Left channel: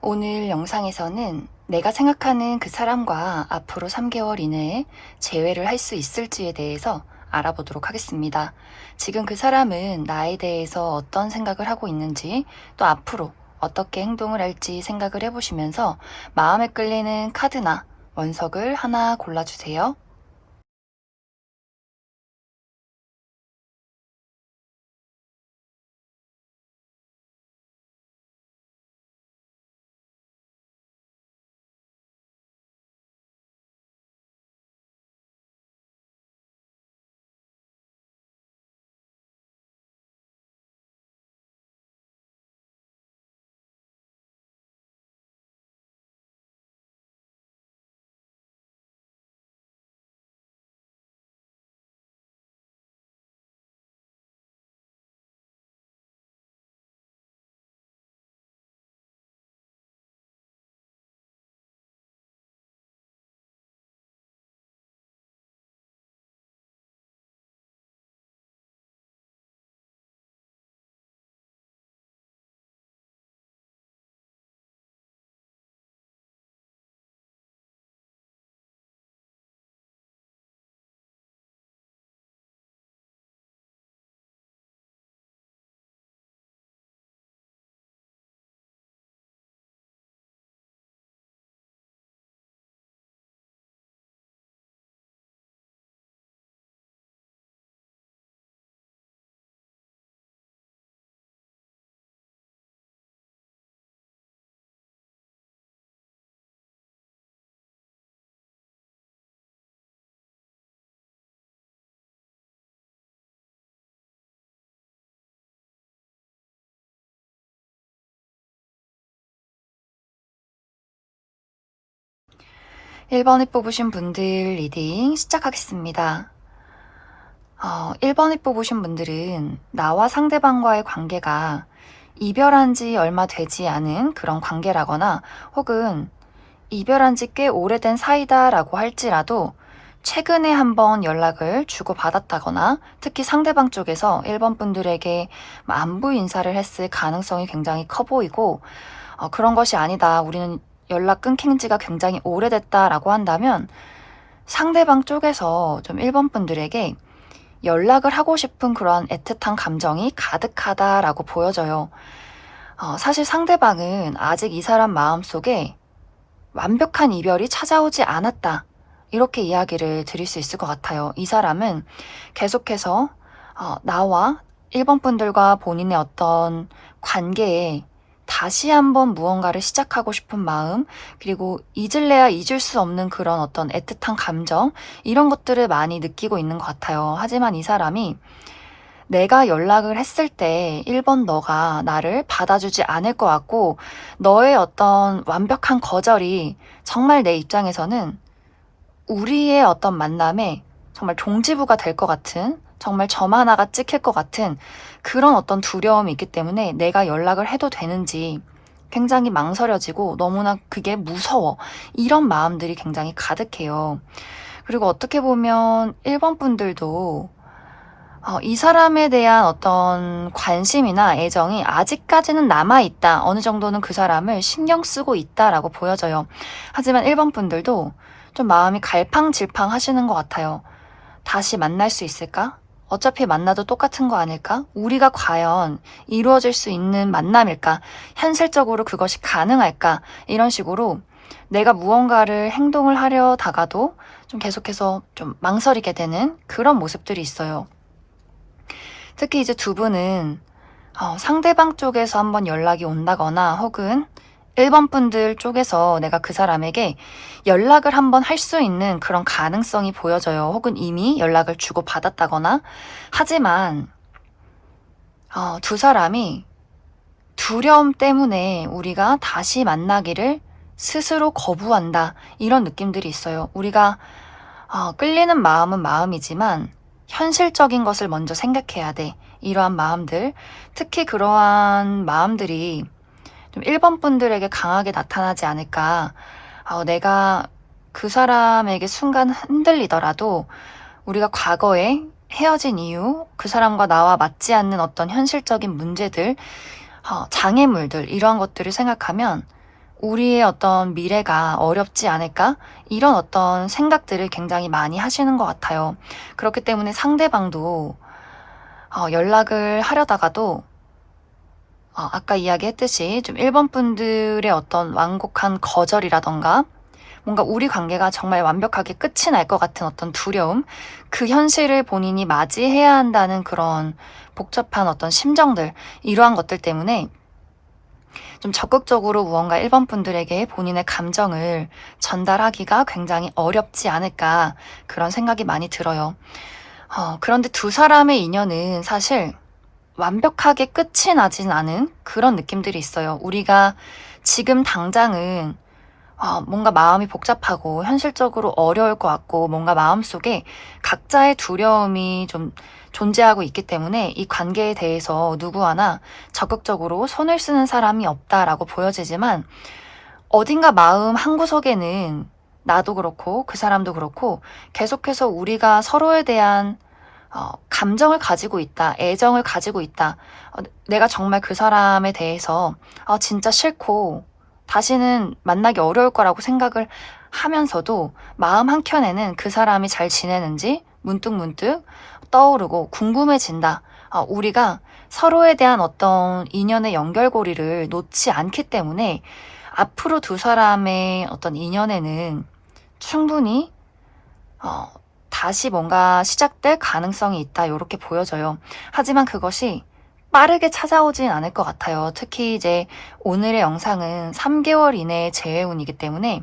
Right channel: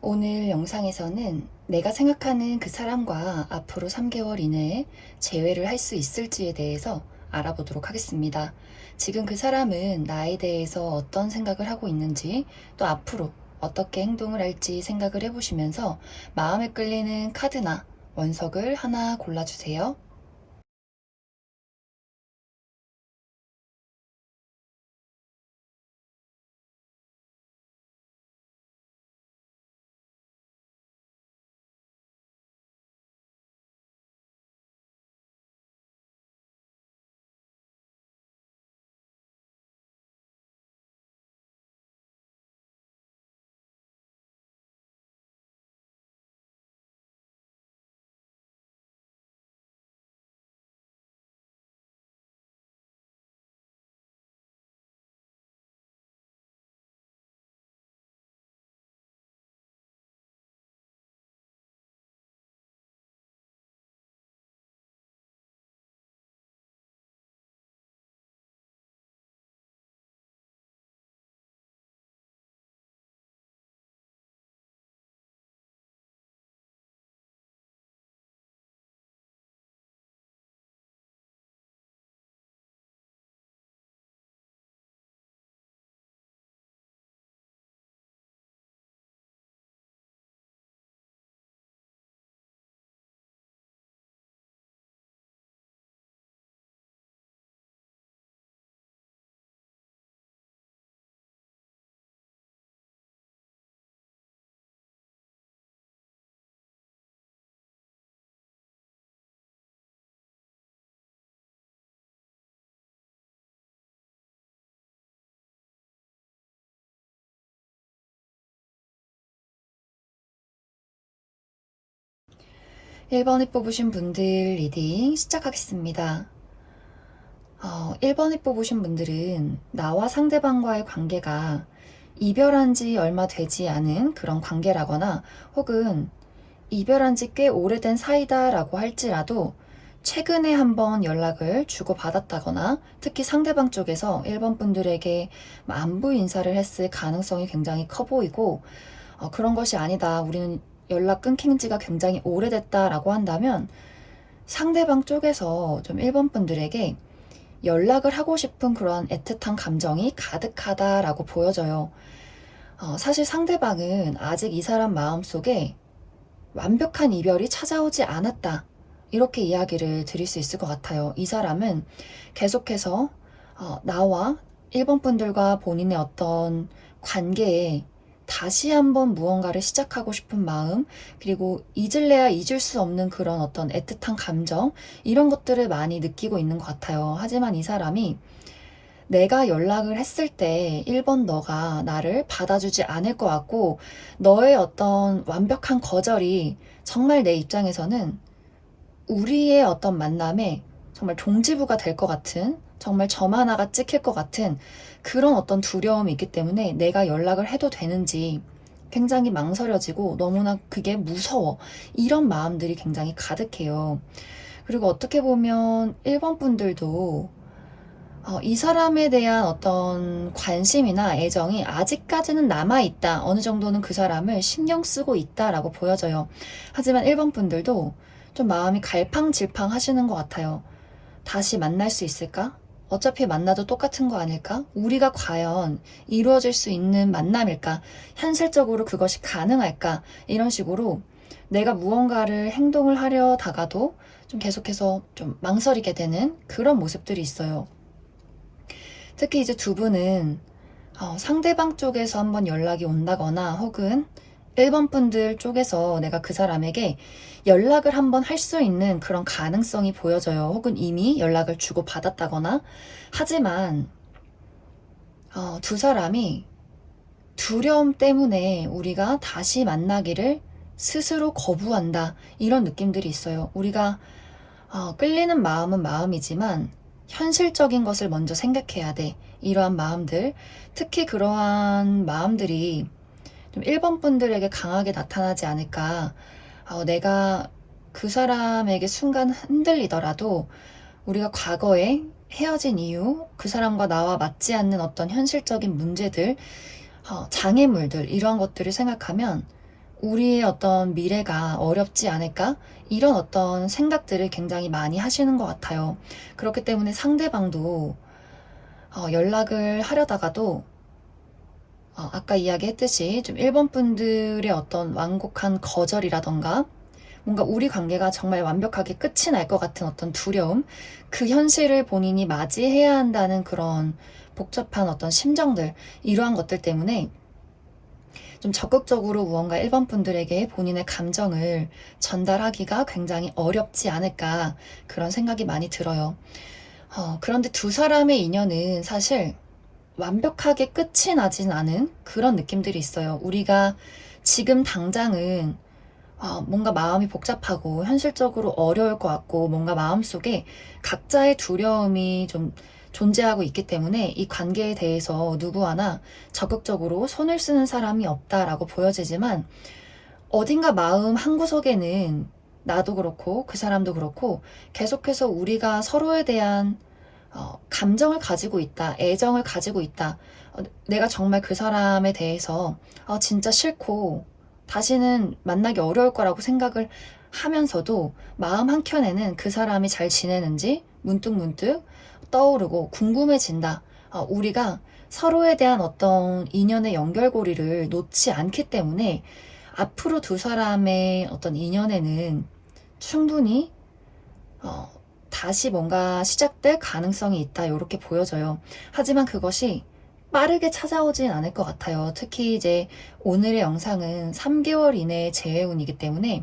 오늘 영상에서는 내가 생각하는 그 사람과 앞으로 3개월 이내에 재회를 할 수 있을지에 대해서 알아보도록 하겠습니다. 지금 그 사람은 나에 대해서 어떤 생각을 하고 있는지, 또 앞으로 어떻게 행동을 할지 생각을 해보시면서 마음에 끌리는 카드나 원석을 하나 골라주세요. (1) 번을 뽑으신 분들 리딩 시작하겠습니다. 1번을 뽑으신 분들은 나와 상대방과의 관계가 이별한 지 얼마 되지 않은 그런 관계라거나, 혹은 이별한 지 꽤 오래된 사이다라고 할지라도 최근에 한번 연락을 주고받았다거나, 특히 상대방 쪽에서 1번 분들에게 안부 인사를 했을 가능성이 굉장히 커 보이고, 그런 것이 아니다, 우리는 연락 끊긴 지가 굉장히 오래됐다라고 한다면 상대방 쪽에서 좀 1번 분들에게 연락을 하고 싶은 그런 애틋한 감정이 가득하다라고 보여져요. 사실 상대방은 아직 이 사람 마음속에 완벽한 이별이 찾아오지 않았다, 이렇게 이야기를 드릴 수 있을 것 같아요. 이 사람은 계속해서 나와 1번 분들과 본인의 어떤 관계에 다시 한번 무언가를 시작하고 싶은 마음, 그리고 잊을래야 잊을 수 없는 그런 어떤 애틋한 감정, 이런 것들을 많이 느끼고 있는 것 같아요. 하지만 이 사람이 내가 연락을 했을 때 1번 너가 나를 받아주지 않을 것 같고, 너의 어떤 완벽한 거절이 정말 내 입장에서는 우리의 어떤 만남에 정말 종지부가 될 것 같은, 정말 점 하나가 찍힐 것 같은 그런 어떤 두려움이 있기 때문에 내가 연락을 해도 되는지 굉장히 망설여지고, 너무나 그게 무서워, 이런 마음들이 굉장히 가득해요. 그리고 어떻게 보면 1번 분들도 이 사람에 대한 어떤 관심이나 애정이 아직까지는 남아있다, 어느 정도는 그 사람을 신경 쓰고 있다라고 보여져요. 하지만 1번 분들도 좀 마음이 갈팡질팡 하시는 것 같아요. 다시 만날 수 있을까? 어차피 만나도 똑같은 거 아닐까? 우리가 과연 이루어질 수 있는 만남일까? 현실적으로 그것이 가능할까? 이런 식으로 내가 무언가를 행동을 하려다가도 좀 계속해서 좀 망설이게 되는 그런 모습들이 있어요. 특히 이제 두 분은 상대방 쪽에서 한번 연락이 온다거나, 혹은 1번 분들 쪽에서 내가 그 사람에게 연락을 한번 할 수 있는 그런 가능성이 보여져요. 혹은 이미 연락을 주고받았다거나. 하지만 두 사람이 두려움 때문에 우리가 다시 만나기를 스스로 거부한다, 이런 느낌들이 있어요. 우리가 끌리는 마음은 마음이지만 현실적인 것을 먼저 생각해야 돼, 이러한 마음들, 특히 그러한 마음들이 좀 1번 분들에게 강하게 나타나지 않을까. 내가 그 사람에게 순간 흔들리더라도 우리가 과거에 헤어진 이유, 그 사람과 나와 맞지 않는 어떤 현실적인 문제들, 장애물들, 이러한 것들을 생각하면 우리의 어떤 미래가 어렵지 않을까? 이런 어떤 생각들을 굉장히 많이 하시는 것 같아요. 그렇기 때문에 상대방도 연락을 하려다가도 아까 이야기했듯이 좀 1번 분들의 어떤 완곡한 거절이라던가 뭔가 우리 관계가 정말 완벽하게 끝이 날 것 같은 어떤 두려움, 그 현실을 본인이 맞이해야 한다는 그런 복잡한 어떤 심정들, 이러한 것들 때문에 좀 적극적으로 무언가 1번 분들에게 본인의 감정을 전달하기가 굉장히 어렵지 않을까, 그런 생각이 많이 들어요. 그런데 두 사람의 인연은 사실 완벽하게 끝이 나진 않은 그런 느낌들이 있어요. 우리가 지금 당장은 뭔가 마음이 복잡하고 현실적으로 어려울 것 같고 뭔가 마음속에 각자의 두려움이 좀 존재하고 있기 때문에 이 관계에 대해서 누구 하나 적극적으로 손을 쓰는 사람이 없다라고 보여지지만, 어딘가 마음 한구석에는 나도 그렇고 그 사람도 그렇고 계속해서 우리가 서로에 대한 감정을 가지고 있다, 애정을 가지고 있다. 내가 정말 그 사람에 대해서 진짜 싫고 다시는 만나기 어려울 거라고 생각을 하면서도 마음 한켠에는 그 사람이 잘 지내는지 문득문득 떠오르고 궁금해진다. 우리가 서로에 대한 어떤 인연의 연결고리를 놓지 않기 때문에 앞으로 두 사람의 어떤 인연에는 충분히 다시 뭔가 시작될 가능성이 있다, 이렇게 보여져요. 하지만 그것이 빠르게 찾아오진 않을 것 같아요. 특히 이제 오늘의 영상은 3개월 이내의 재회운이기 때문에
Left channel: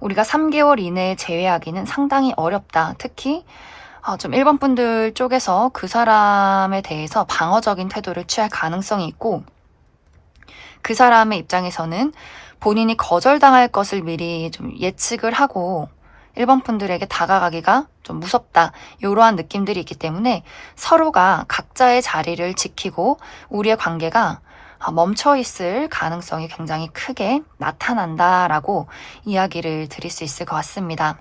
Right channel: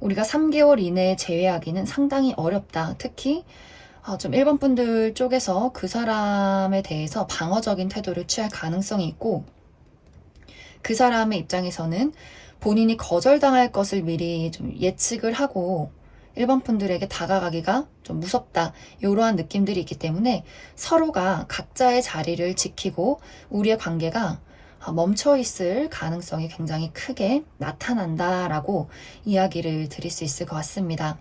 우리가 3개월 이내에 재회하기는 상당히 어렵다. 특히 좀 1번 분들 쪽에서 그 사람에 대해서 방어적인 태도를 취할 가능성이 있고, 그 사람의 입장에서는 본인이 거절당할 것을 미리 좀 예측을 하고 1번 분들에게 다가가기가 좀 무섭다, 이러한 느낌들이 있기 때문에 서로가 각자의 자리를 지키고 우리의 관계가 멈춰 있을 가능성이 굉장히 크게 나타난다라고 이야기를 드릴 수 있을 것 같습니다.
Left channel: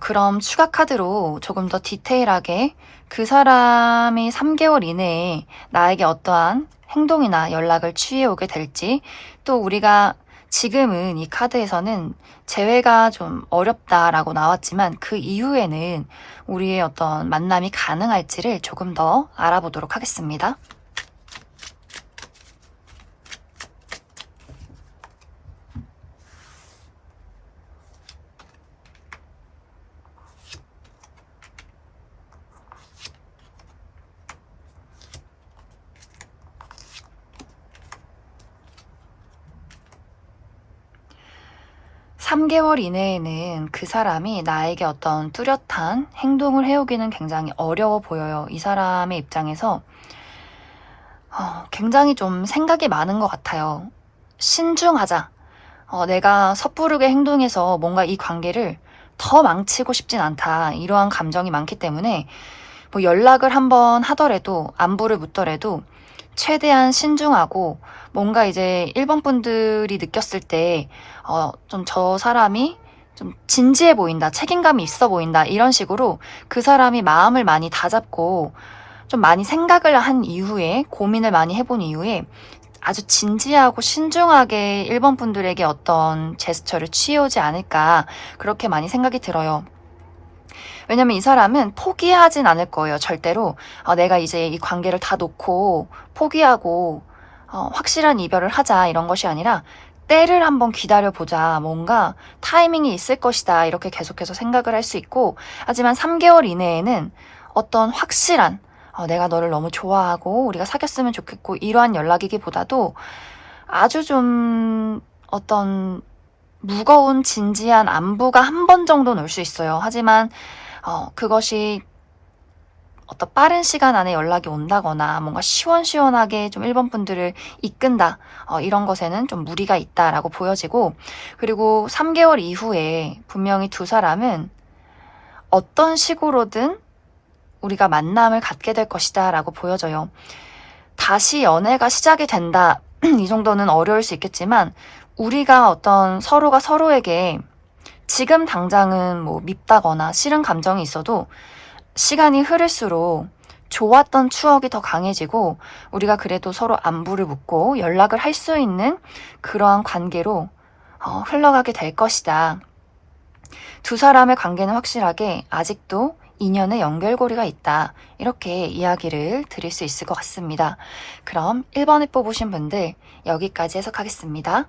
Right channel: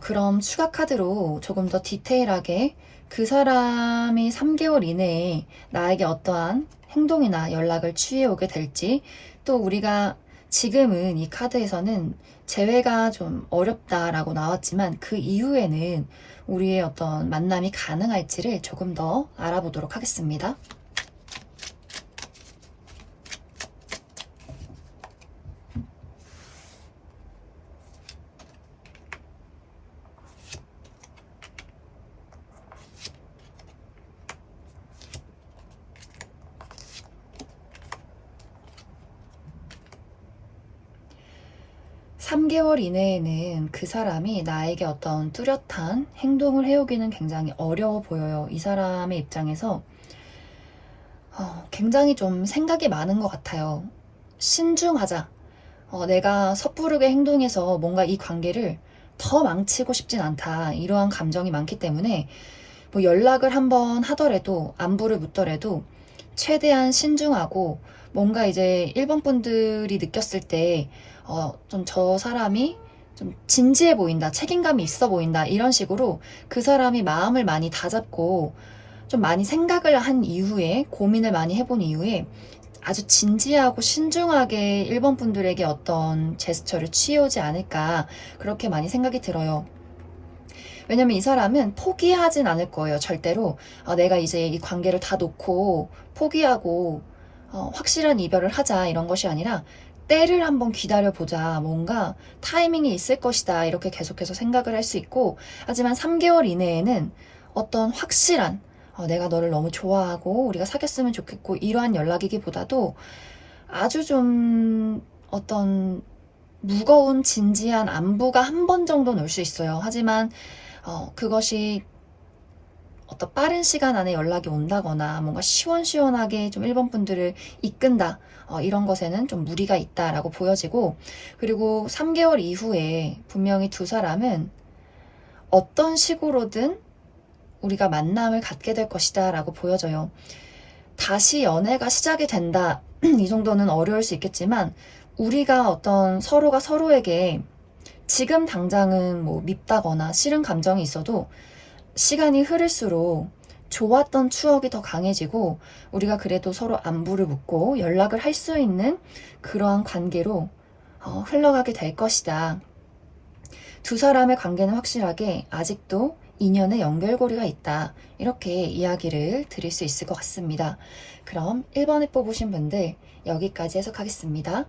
그럼 추가 카드로 조금 더 디테일하게 그 사람이 3개월 이내에 나에게 어떠한 행동이나 연락을 취해 오게 될지, 또 우리가 지금은 이 카드에서는 재회가 좀 어렵다라고 나왔지만 그 이후에는 우리의 어떤 만남이 가능할지를 조금 더 알아보도록 하겠습니다. 3개월 이내에는 그 사람이 나에게 어떤 뚜렷한 행동을 해오기는 굉장히 어려워 보여요. 이 사람의 입장에서 굉장히 좀 생각이 많은 것 같아요. 신중하자. 내가 섣부르게 행동해서 뭔가 이 관계를 더 망치고 싶진 않다, 이러한 감정이 많기 때문에 뭐 연락을 한번 하더라도 안부를 묻더라도 최대한 신중하고, 뭔가 이제 1번 분들이 느꼈을 때 좀 저 사람이 좀 진지해 보인다, 책임감이 있어 보인다, 이런 식으로 그 사람이 마음을 많이 다잡고 좀 많이 생각을 한 이후에, 고민을 많이 해본 이후에 아주 진지하고 신중하게 1번 분들에게 어떤 제스처를 취해오지 않을까, 그렇게 많이 생각이 들어요. 왜냐면 이 사람은 포기하진 않을 거예요, 절대로. 내가 이제 이 관계를 다 놓고 포기하고 확실한 이별을 하자, 이런 것이 아니라 때를 한번 기다려보자, 뭔가 타이밍이 있을 것이다, 이렇게 계속해서 생각을 할 수 있고, 하지만 3개월 이내에는 어떤 확실한 내가 너를 너무 좋아하고 우리가 사귀었으면 좋겠고, 이러한 연락이기보다도 아주 좀 어떤 무거운 진지한 안부가 한 번 정도는 올 수 있어요. 하지만 그것이 어떤 빠른 시간 안에 연락이 온다거나 뭔가 시원시원하게 좀 1번 분들을 이끈다, 이런 것에는 좀 무리가 있다라고 보여지고, 그리고 3개월 이후에 분명히 두 사람은 어떤 식으로든 우리가 만남을 갖게 될 것이다 라고 보여져요. 다시 연애가 시작이 된다, 이 정도는 어려울 수 있겠지만 우리가 어떤 서로가 서로에게 지금 당장은 뭐 밉다거나 싫은 감정이 있어도 시간이 흐를수록 좋았던 추억이 더 강해지고 우리가 그래도 서로 안부를 묻고 연락을 할 수 있는 그러한 관계로 흘러가게 될 것이다. 두 사람의 관계는 확실하게 아직도 인연의 연결고리가 있다. 이렇게 이야기를 드릴 수 있을 것 같습니다. 그럼 1번에 뽑으신 분들 여기까지 해석하겠습니다.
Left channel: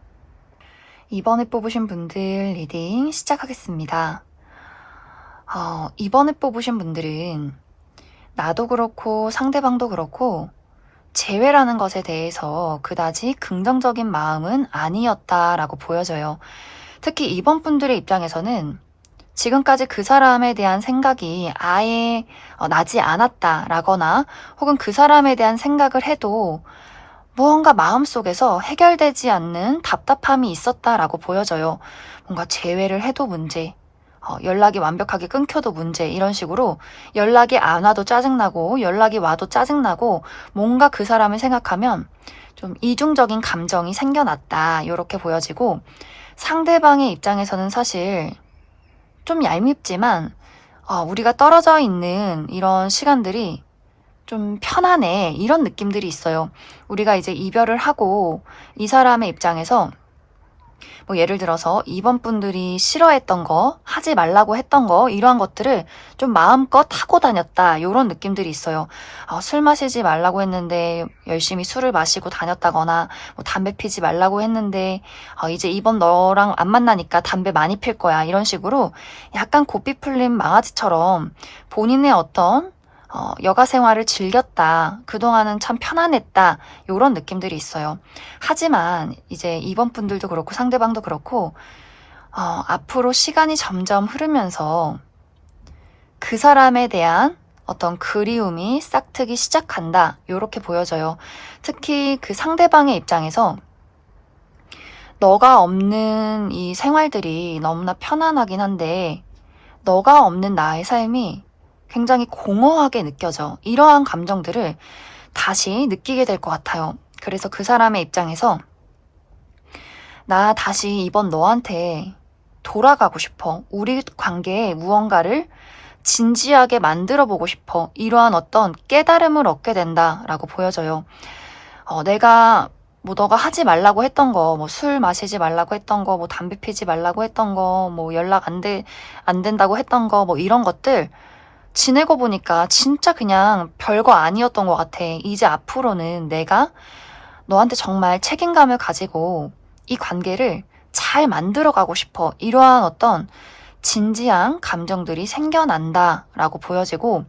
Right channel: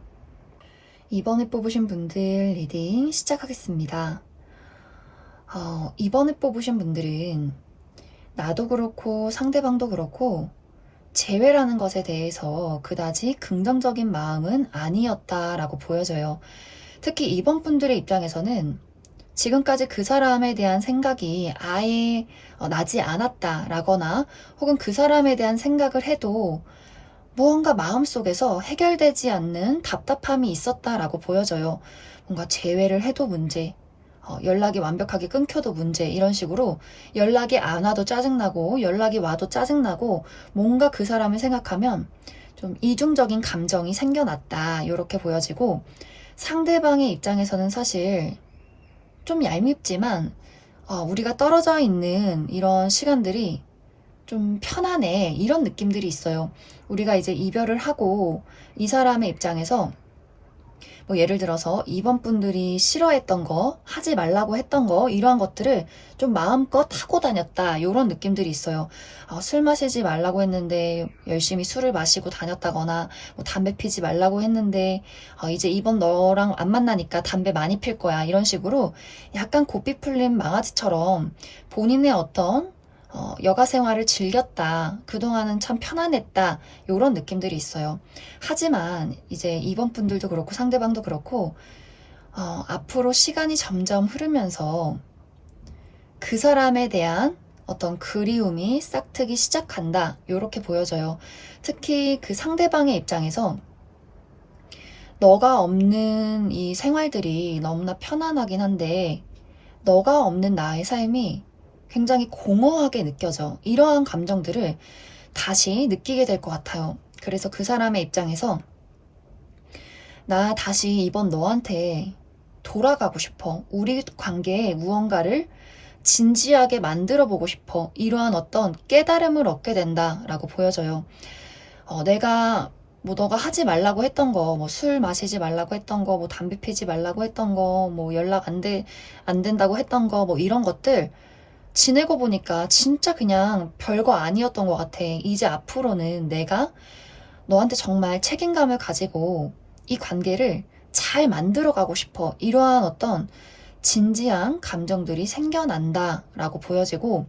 2번에 뽑으신 분들 리딩 시작하겠습니다. 2번에 뽑으신 분들은 나도 그렇고 상대방도 그렇고 재회라는 것에 대해서 그다지 긍정적인 마음은 아니었다라고 보여져요. 특히 2번 분들의 입장에서는 지금까지 그 사람에 대한 생각이 아예 나지 않았다라거나 혹은 그 사람에 대한 생각을 해도 무언가 마음속에서 해결되지 않는 답답함이 있었다라고 보여져요. 뭔가 재회를 해도 문제, 연락이 완벽하게 끊겨도 문제, 이런 식으로 연락이 안 와도 짜증나고 연락이 와도 짜증나고 뭔가 그 사람을 생각하면 좀 이중적인 감정이 생겨났다. 이렇게 보여지고 상대방의 입장에서는 사실 좀 얄밉지만 우리가 떨어져 있는 이런 시간들이 좀 편안해, 이런 느낌들이 있어요. 우리가 이제 이별을 하고 이 사람의 입장에서 뭐 예를 들어서 2번 분들이 싫어했던 거, 하지 말라고 했던 거, 이러한 것들을 좀 마음껏 하고 다녔다, 이런 느낌들이 있어요. 술 마시지 말라고 했는데 열심히 술을 마시고 다녔다거나, 뭐 담배 피지 말라고 했는데 이제 이번 너랑 안 만나니까 담배 많이 필 거야, 이런 식으로 약간 고삐 풀린 망아지처럼 본인의 어떤 여가 생활을 즐겼다. 그동안은 참 편안했다. 요런 느낌들이 있어요. 하지만 이제 2번 분들도 그렇고 상대방도 그렇고 앞으로 시간이 점점 흐르면서 그 사람에 대한 어떤 그리움이 싹트기 시작한다. 요렇게 보여져요. 특히 그 상대방의 입장에서 너가 없는 이 생활들이 너무나 편안하긴 한데 너가 없는 나의 삶이 굉장히 공허하게 느껴져. 이러한 감정들을 다시 느끼게 될 것 같아요. 그래서 그 사람의 입장에서 나 다시 이번 너한테 돌아가고 싶어. 우리 관계에 무언가를 진지하게 만들어 보고 싶어. 이러한 어떤 깨달음을 얻게 된다라고 보여져요. 내가 뭐 너가 하지 말라고 했던 거, 뭐 술 마시지 말라고 했던 거, 뭐 담배 피지 말라고 했던 거, 뭐 연락 안 된다고 했던 거, 뭐 이런 것들 지내고 보니까 진짜 그냥 별거 아니었던 것 같아. 이제 앞으로는 내가 너한테 정말 책임감을 가지고 이 관계를 잘 만들어가고 싶어. 이러한 어떤 진지한 감정들이 생겨난다라고 보여지고,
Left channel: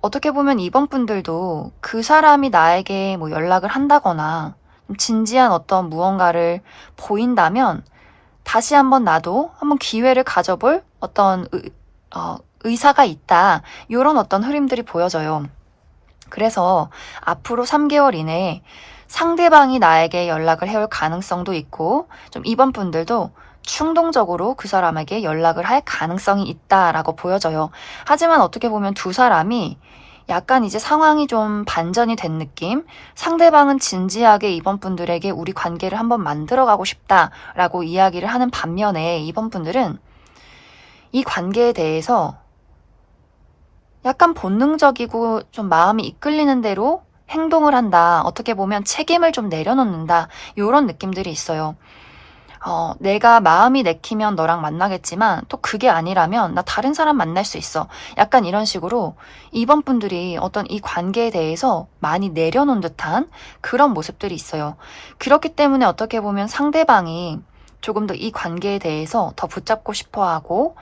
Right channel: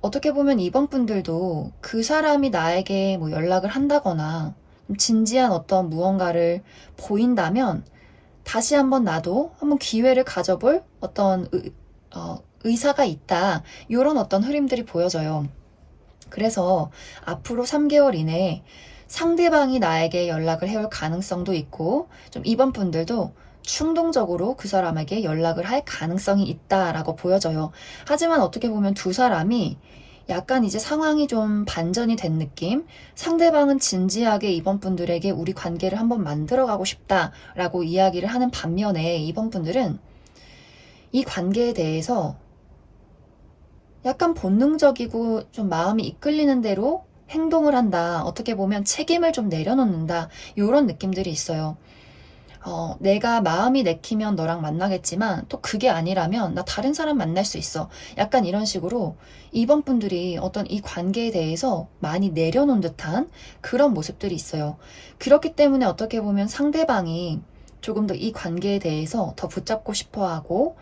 어떻게 보면 이번 분들도 그 사람이 나에게 뭐 연락을 한다거나 진지한 어떤 무언가를 보인다면 다시 한번 나도 한번 기회를 가져볼 어떤 의사가 있다. 이런 어떤 흐름들이 보여져요. 그래서 앞으로 3개월 이내에 상대방이 나에게 연락을 해올 가능성도 있고 좀 이번 분들도 충동적으로 그 사람에게 연락을 할 가능성이 있다라고 보여져요. 하지만 어떻게 보면 두 사람이 약간 이제 상황이 좀 반전이 된 느낌? 상대방은 진지하게 이번 분들에게 우리 관계를 한번 만들어가고 싶다라고 이야기를 하는 반면에 이번 분들은 이 관계에 대해서 약간 본능적이고 좀 마음이 이끌리는 대로 행동을 한다. 어떻게 보면 책임을 좀 내려놓는다. 이런 느낌들이 있어요. 내가 마음이 내키면 너랑 만나겠지만 또 그게 아니라면 나 다른 사람 만날 수 있어. 약간 이런 식으로 이번 분들이 어떤 이 관계에 대해서 많이 내려놓은 듯한 그런 모습들이 있어요. 그렇기 때문에 어떻게 보면 상대방이 조금 더 이 관계에 대해서 더 붙잡고 싶어 하고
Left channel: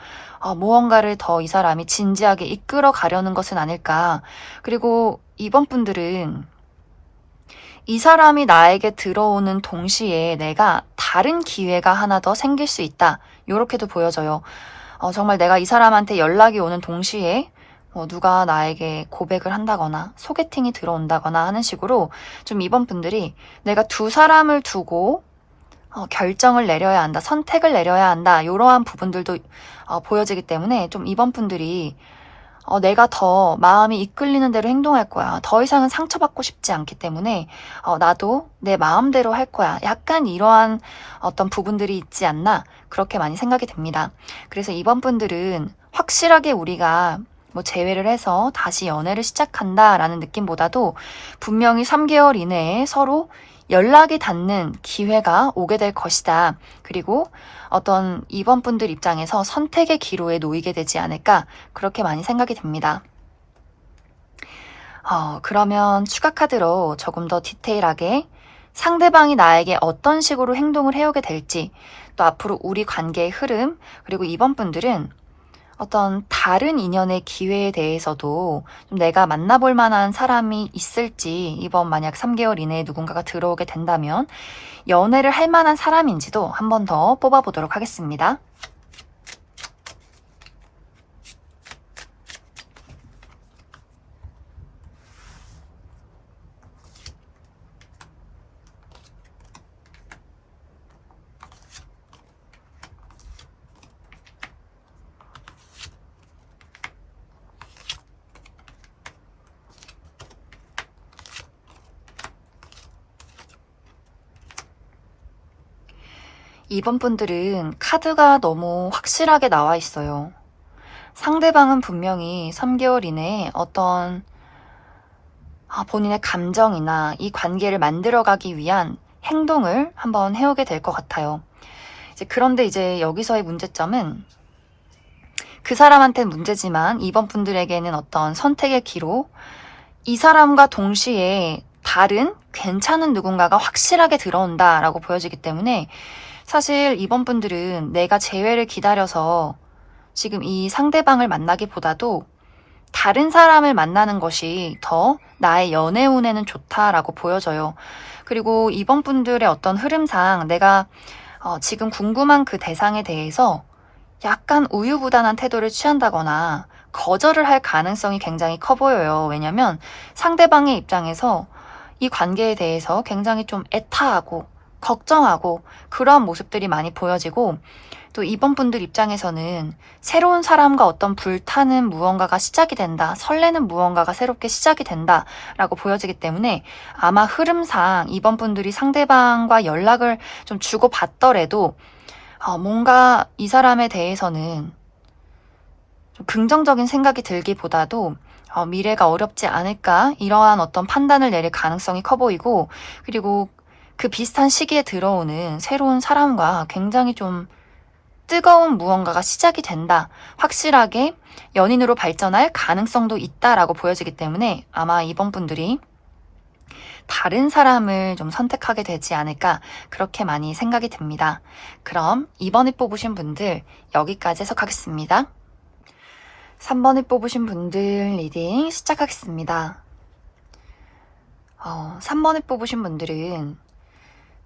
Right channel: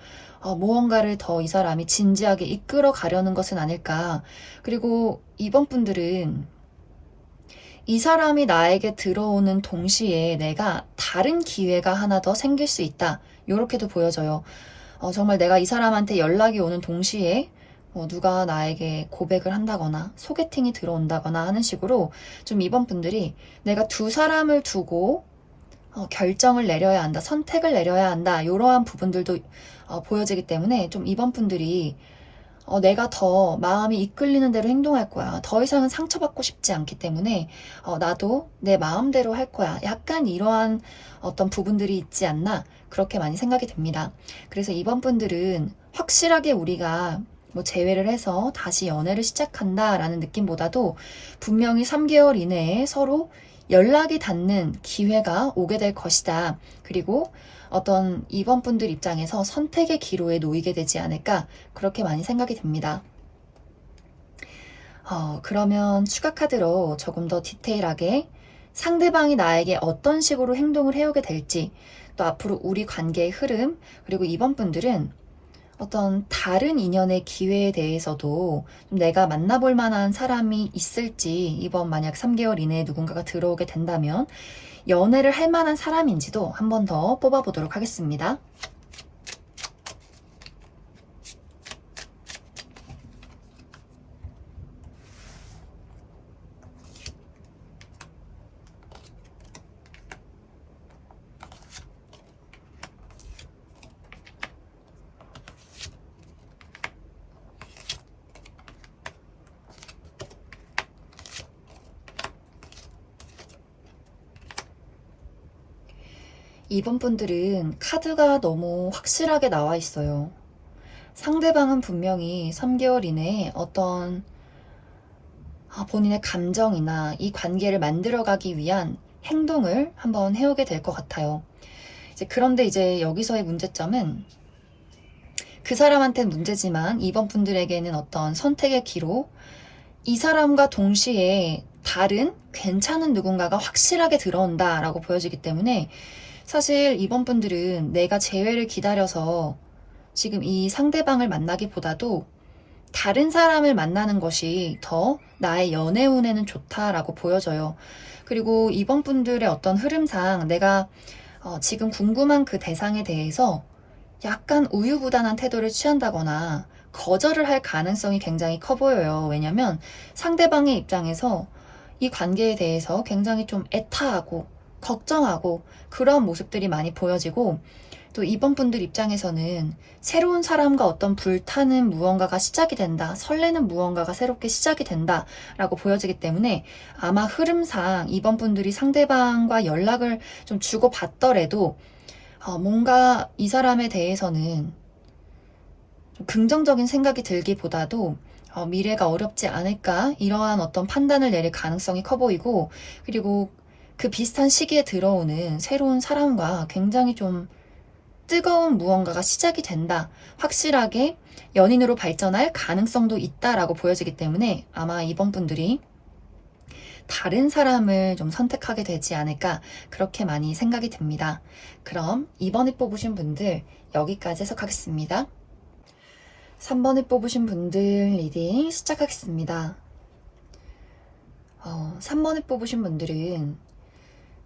무언가를 더 이 사람이 진지하게 이끌어 가려는 것은 아닐까. 그리고 이번 분들은 이 사람이 나에게 들어오는 동시에 내가 다른 기회가 하나 더 생길 수 있다. 요렇게도 보여져요. 정말 내가 이 사람한테 연락이 오는 동시에 누가 나에게 고백을 한다거나 소개팅이 들어온다거나 하는 식으로 좀 이번 분들이 내가 두 사람을 두고 결정을 내려야 한다, 선택을 내려야 한다, 이러한 부분들도 보여지기 때문에 좀 이번 분들이 내가 더 마음이 이끌리는 대로 행동할 거야. 더 이상은 상처받고 싶지 않기 때문에 나도 내 마음대로 할 거야. 약간 이러한 어떤 부분들이 있지 않나 그렇게 많이 생각이 됩니다. 그래서 이번 분들은 확실하게 우리가 뭐 재회를 해서 다시 연애를 시작한다라는 느낌보다도 분명히 3개월 이내에 서로 연락이 닿는 기회가 오게 될 것이다. 그리고 어떤 이번 분들 입장에서 선택의 기로에 놓이게 되지 않을까 그렇게 많이 생각이 됩니다. 그러면 추가 카드로 조금 더 디테일하게 상대방이 나에게 어떤 식으로 행동을 해오게 될지, 또 앞으로 우리 관계의 흐름, 그리고 이번 분들은 어떤 다른 인연의 기회에 대해서도 좀 내가 만나볼 만한 사람이 있을지, 이번 만약 3개월 이내에 누군가가 들어오게 된다면 연애를 할 만한 사람인지도 한 번 더 뽑아보도록 하겠습니다. 이번 분들은 카드가 너무 확실하게 나와 있어요. 상대방은 분명히 3개월 이내에 어떤 본인의 감정이나 이 관계를 만들어가기 위한 행동을 한번 해오게 될 것 같아요. 그런데 이제 여기서의 문제점은 그 사람한테는 문제지만 이번 분들에게는 어떤 선택의 기로, 이 사람과 동시에 다른 괜찮은 누군가가 확실하게 들어온다라고 보여지기 때문에 사실 이번 분들은 내가 재회를 기다려서 지금 이 상대방을 만나기보다도 다른 사람을 만나는 것이 더 나의 연애 운에는 좋다라고 보여져요. 그리고 이번 분들의 어떤 흐름상 내가 지금 궁금한 그 대상에 대해서 약간 우유부단한 태도를 취한다거나 거절을 할 가능성이 굉장히 커 보여요. 왜냐면 상대방의 입장에서 이 관계에 대해서 굉장히 좀 애타하고 걱정하고 그러한 모습들이 많이 보여지고, 또 이번 분들 입장에서는 새로운 사람과 어떤 불타는 무언가가 시작이 된다, 설레는 무언가가 새롭게 시작이 된다라고 보여지기 때문에 아마 흐름상 이번 분들이 상대방과 연락을 좀 주고받더라도 뭔가 이 사람에 대해서는 좀 긍정적인 생각이 들기보다도 미래가 어렵지 않을까, 이러한 어떤 판단을 내릴 가능성이 커 보이고, 그리고 그 비슷한 시기에 들어오는 새로운 사람과 굉장히 좀 뜨거운 무언가가 시작이 된다, 확실하게 연인으로 발전할 가능성도 있다라고 보여지기 때문에 아마 이번 분들이 다른 사람을 좀 선택하게 되지 않을까 그렇게 많이 생각이 듭니다. 그럼 2번에 뽑으신 분들 여기까지 해석하겠습니다. 3번에 뽑으신 분들 리딩 시작하겠습니다. 3번에 뽑으신 분들은